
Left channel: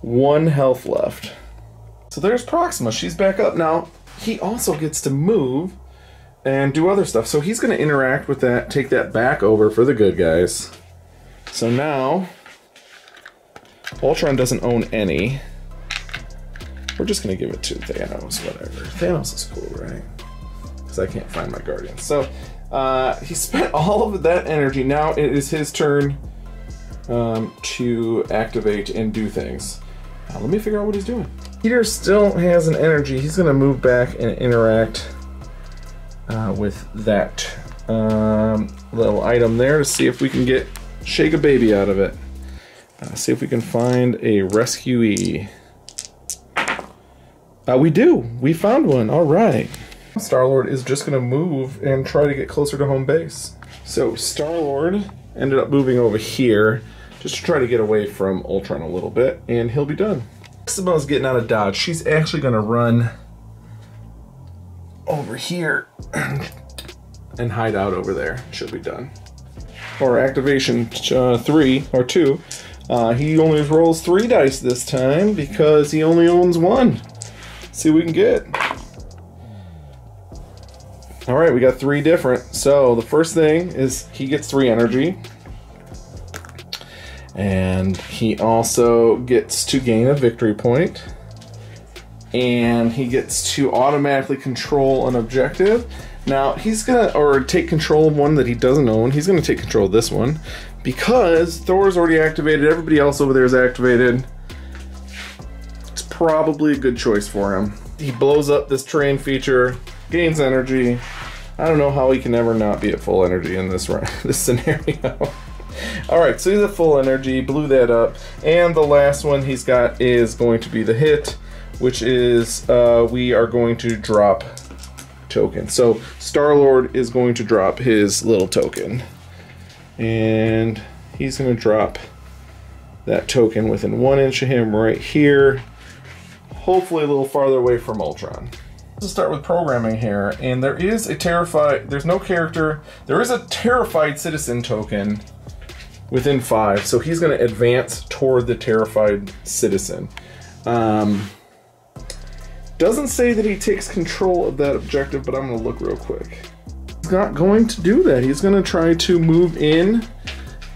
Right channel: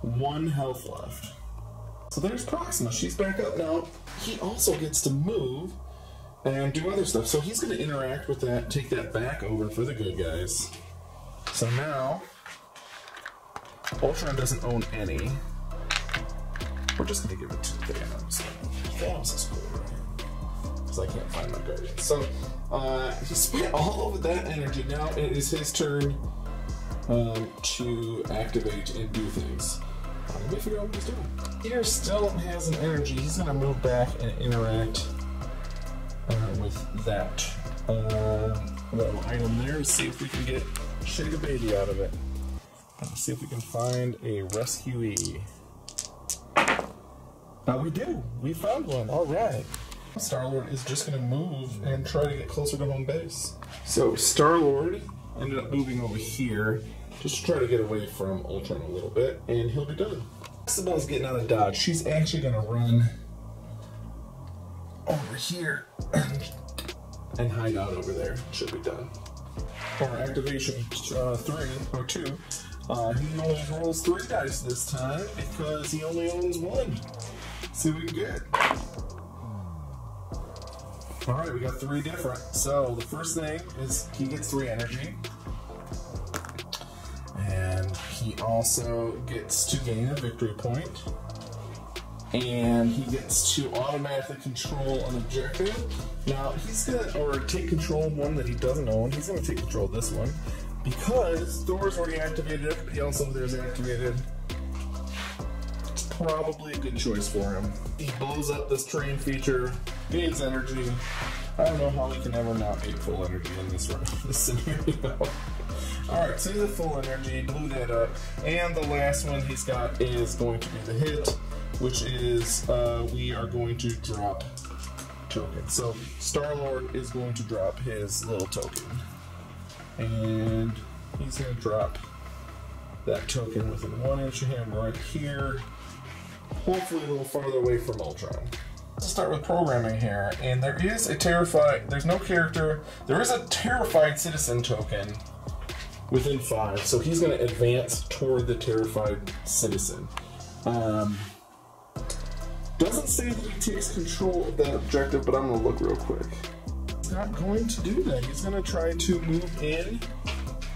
1 health left. So there's Proxima, she's back up now. He also gets to move and do other stuff, so he's gonna interact with that, take that back over for the good guys. So now, Ultron doesn't own any. We're just gonna give it to Thanos, whatever. Thanos is cool, right? Because I can't find my Guardian. So, he spent all of that energy. Now it is his turn to activate and do things. Let me figure out what he's doing. Peter still has an energy. He's going to move back and interact with that little item there to see if we can shake a baby out of it. See if we can find a rescuee. We do. We found one. All right. Star-Lord is just going to move and try to get closer to home base. So Star-Lord ended up moving over here just to try to get away from Ultron a little bit, and he'll be done. Proxima's getting out of dodge. She's actually going to run over here and hide out over there. She'll be done. Or activation 3 or 2. He only rolls 3 dice this time because he only owns 1. See what we can get. Alright, we got 3 different. So the first thing is he gets 3 energy. And he also gets to gain a victory point. And he gets to automatically control an objective. Now he's gonna, or take control of one that he doesn't own. He's gonna take control of this one because Thor's already activated. Everybody else over there is activated. It's probably a good choice for him. He blows up this terrain feature, gains energy. I don't know how he can ever not be at full energy in this scenario. Alright, so he's at full energy, blew that up. And the last one he's got is going to be the hit, which is we are going to drop token. So Star-Lord is going to drop his little token. And he's going to drop that token within 1 inch of him right here. Hopefully a little farther away from Ultron. Let's start with programming here, and there is a there's no character, there is a terrified citizen token within 5, so he's going to advance toward the terrified citizen. Doesn't say that he takes control of that objective, but I'm going to look real quick. He's not going to do that. He's going to try to move in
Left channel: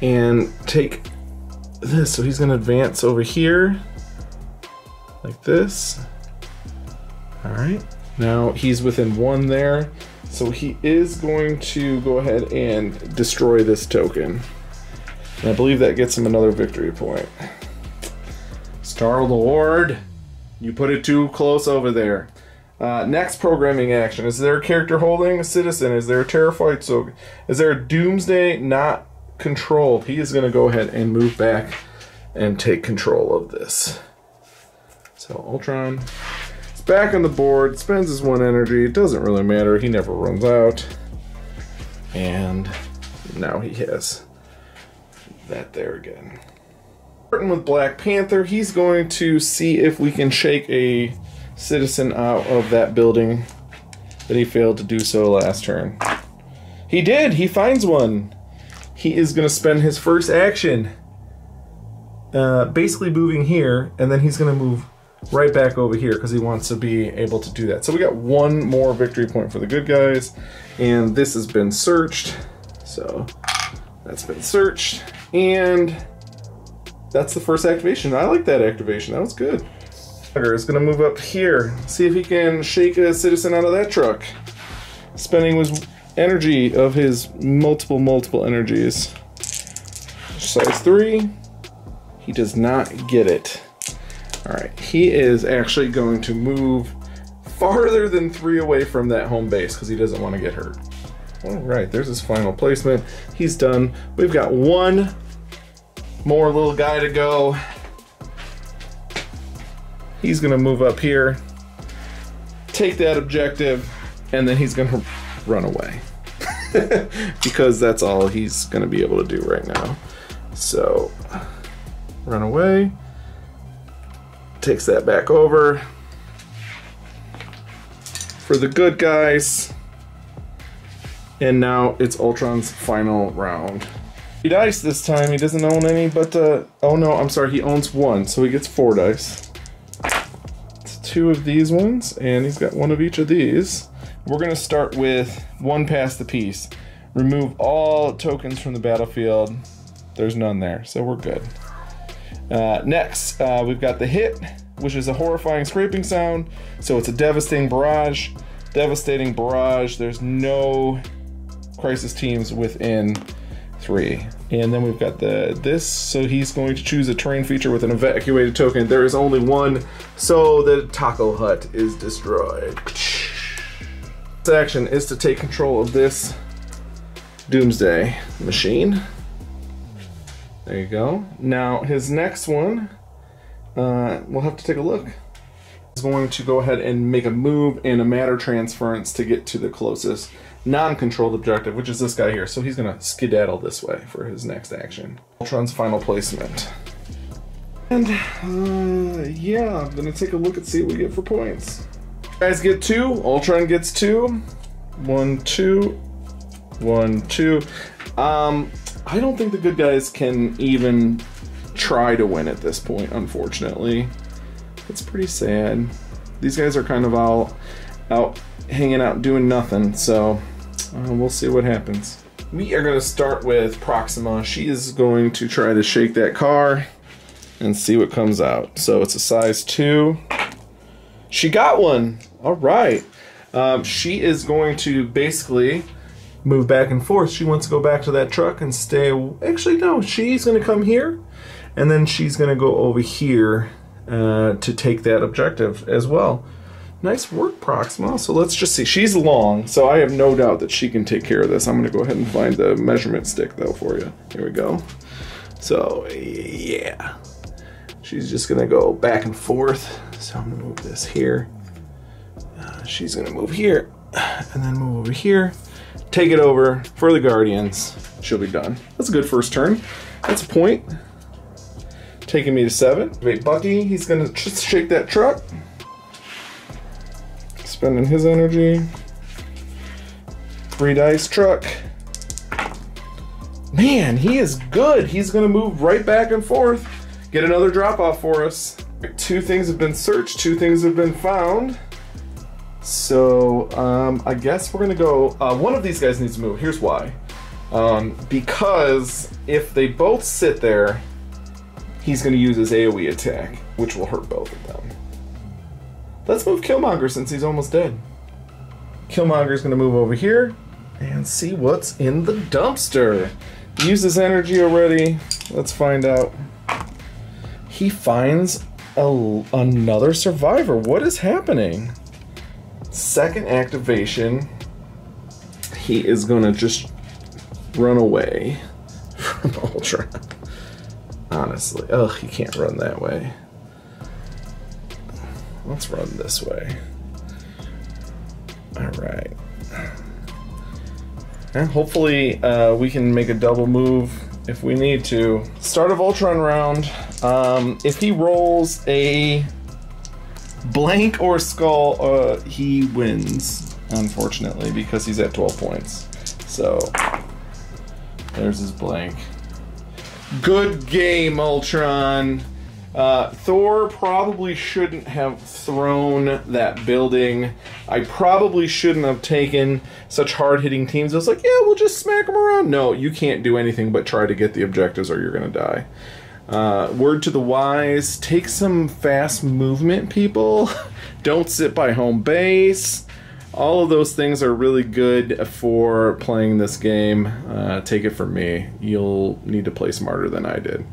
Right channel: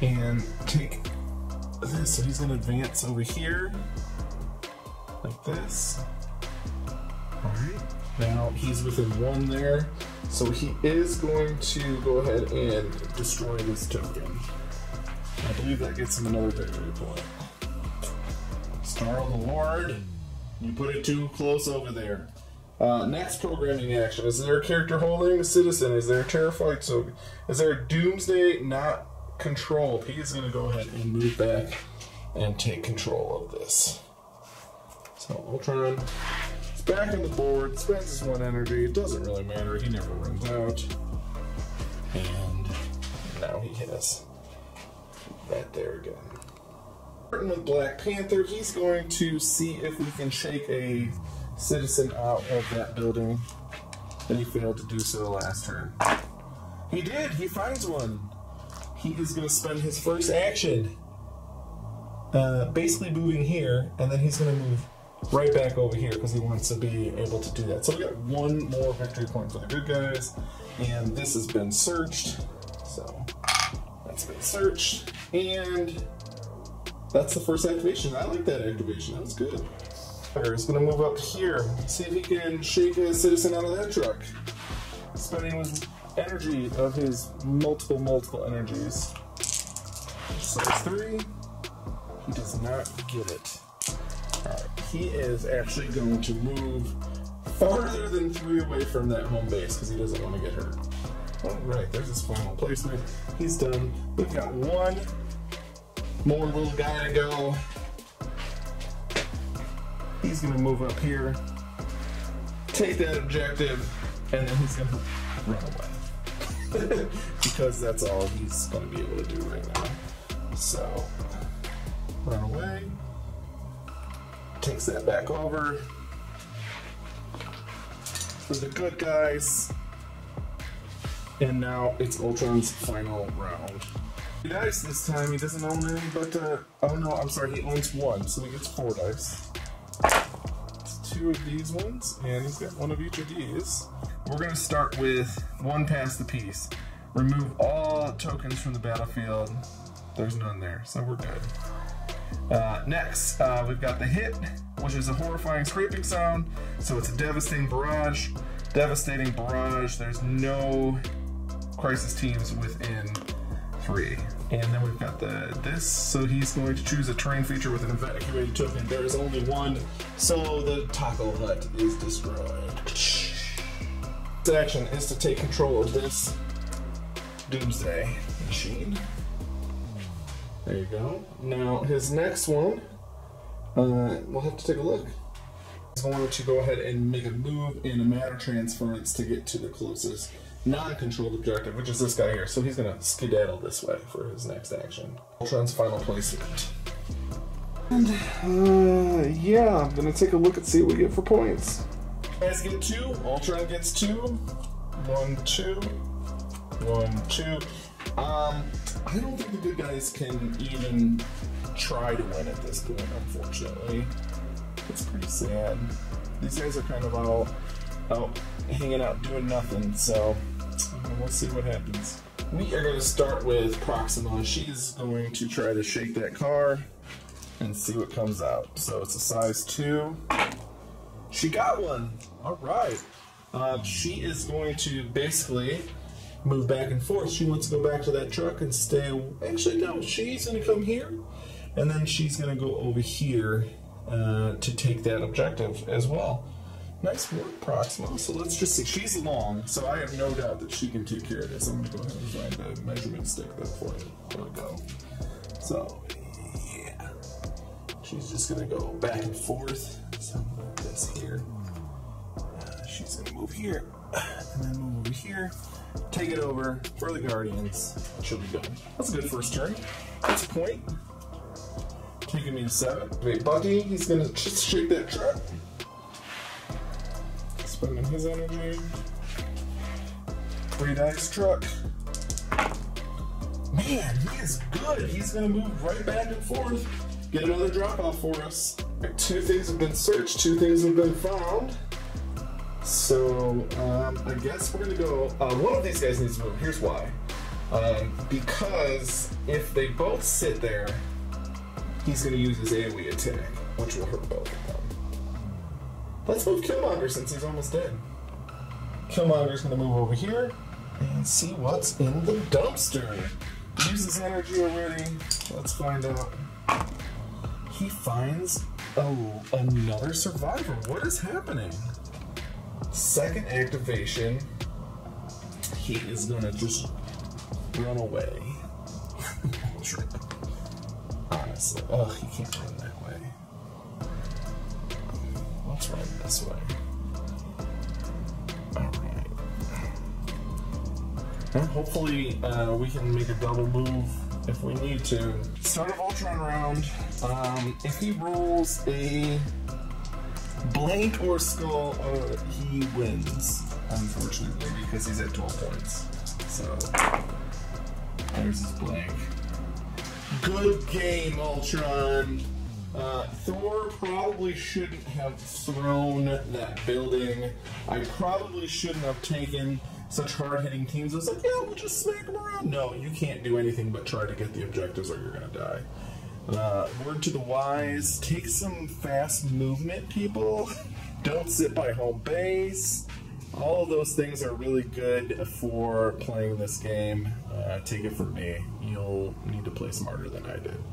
and take this, so he's going to advance over here like this. Alright, now he's within 1 there, so he is going to go ahead and destroy this token. And I believe that gets him another victory point. Star-Lord, you put it too close over there. Next programming action. Is there a character holding a citizen? Is there a terrified token? Is there a Doomsday not controlled? He is going to go ahead and move back and take control of this. So Ultron is back on the board, spends his 1 energy. It doesn't really matter. He never runs out. And now he has that there again. Starting with Black Panther, he's going to see if we can shake a citizen out of that building that he failed to do so last turn. He did! He finds one! he is going to spend his first action basically moving here, and then he's going to move right back over here because he wants to be able to do that. So we got one more victory point for the good guys, and this has been searched. So that's been searched, and that's the first activation. I like that activation. That was good. Is going to move up here, see if he can shake a citizen out of that truck, spending his energy of his multiple energies. Size 3. He does not get it. Alright, he is actually going to move farther than 3 away from that home base because he doesn't want to get hurt. Alright, there's his final placement. He's done. We've got one more little guy to go. He's gonna move up here, take that objective, and then he's gonna run away. Because that's all he's gonna be able to do right now. So, run away, takes that back over. For the good guys, and now it's Ultron's final round. He dice this time, he doesn't own any, but, oh no, I'm sorry, he owns 1, so he gets 4 dice. 2 of these ones, and he's got 1 of each of these. We're gonna start with 1 past the piece. Remove all tokens from the battlefield. There's none there, so we're good. Next, we've got the hit, which is a horrifying scraping sound. So it's a devastating barrage. Devastating barrage. There's no crisis teams within 3. And then we've got this, so he's going to choose a terrain feature with an evacuated token. There is only 1, so the taco hut is destroyed. This action is to take control of this doomsday machine. There you go. Now his next one, we'll have to take a look. He's going to go ahead and make a move and a matter transference to get to the closest non-controlled objective, which is this guy here. So he's gonna skedaddle this way for his next action. Ultron's final placement. And yeah, I'm gonna take a look and see what we get for points. You guys get 2, Ultron gets 2. 1, 2, 1, 2. I don't think the good guys can even try to win at this point, unfortunately. It's pretty sad. These guys are kind of out hanging out doing nothing, so we'll see what happens. We are going to start with Proxima. She is going to try to shake that car and see what comes out. So it's a size 2. She got one. All right. She is going to basically move back and forth. She wants to go back to that truck and stay. Actually, no. She's going to come here, and then she's going to go over here to take that objective as well. Nice work, Proxima. So let's just see. She's long, so I have no doubt that she can take care of this. I'm going to go ahead and find the measurement stick, though, for you. Here we go. So, yeah. She's just going to go back and forth. So I'm going to move this here. She's going to move here, and then move over here. Take it over for the Guardians. She'll be done. That's a good first turn. That's a point. Taking me to 7. Wait, Bucky, he's going to just shake that truck. Spending his energy. 3 dice truck. Man, he is good. He's gonna move right back and forth. Get another drop off for us. 2 things have been searched, 2 things have been found. So I guess we're gonna go, one of these guys needs to move. Here's why. Because if they both sit there, he's gonna use his AoE attack, which will hurt both of them. Let's move Killmonger since he's almost dead. Killmonger's gonna move over here and see what's in the dumpster. Use his energy already. Let's find out. He finds another survivor. What is happening? Second activation. He is gonna just run away from Ultron. Honestly, ugh, he can't run that way. Let's run this way. All right. And hopefully we can make a double move if we need to. Start of Ultron round. If he rolls a blank or skull, he wins, unfortunately, because he's at 12 points. So There's his blank. Good game, Ultron. Thor probably shouldn't have thrown that building. I probably shouldn't have taken such hard-hitting teams. I was like, yeah, we'll just smack them around. No, you can't do anything but try to get the objectives or you're going to die. Word to the wise, take some fast movement, people. Don't sit by home base. All of those things are really good for playing this game. Take it from me. You'll need to play smarter than I did.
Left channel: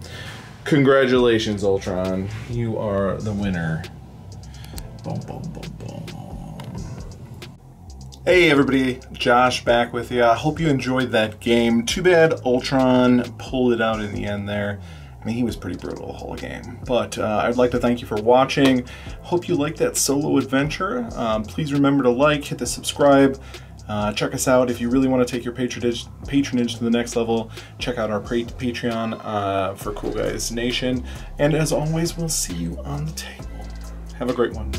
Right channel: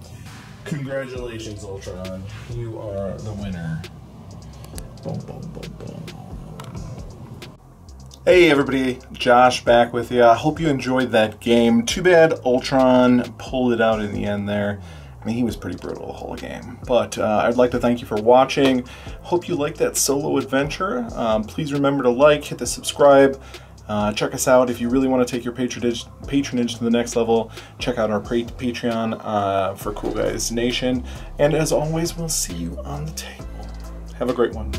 Congratulations, Ultron. You are the winner. Boom, boom, boom, boom. Hey everybody, Josh back with you. I hope you enjoyed that game. Too bad Ultron pulled it out in the end there. I mean, he was pretty brutal the whole game. But I'd like to thank you for watching. Hope you liked that solo adventure. Please remember to like, hit the subscribe. Check us out if you really want to take your patronage to the next level. Check out our Patreon for Cool Guys Nation. And as always, we'll see you on the table. Have a great one.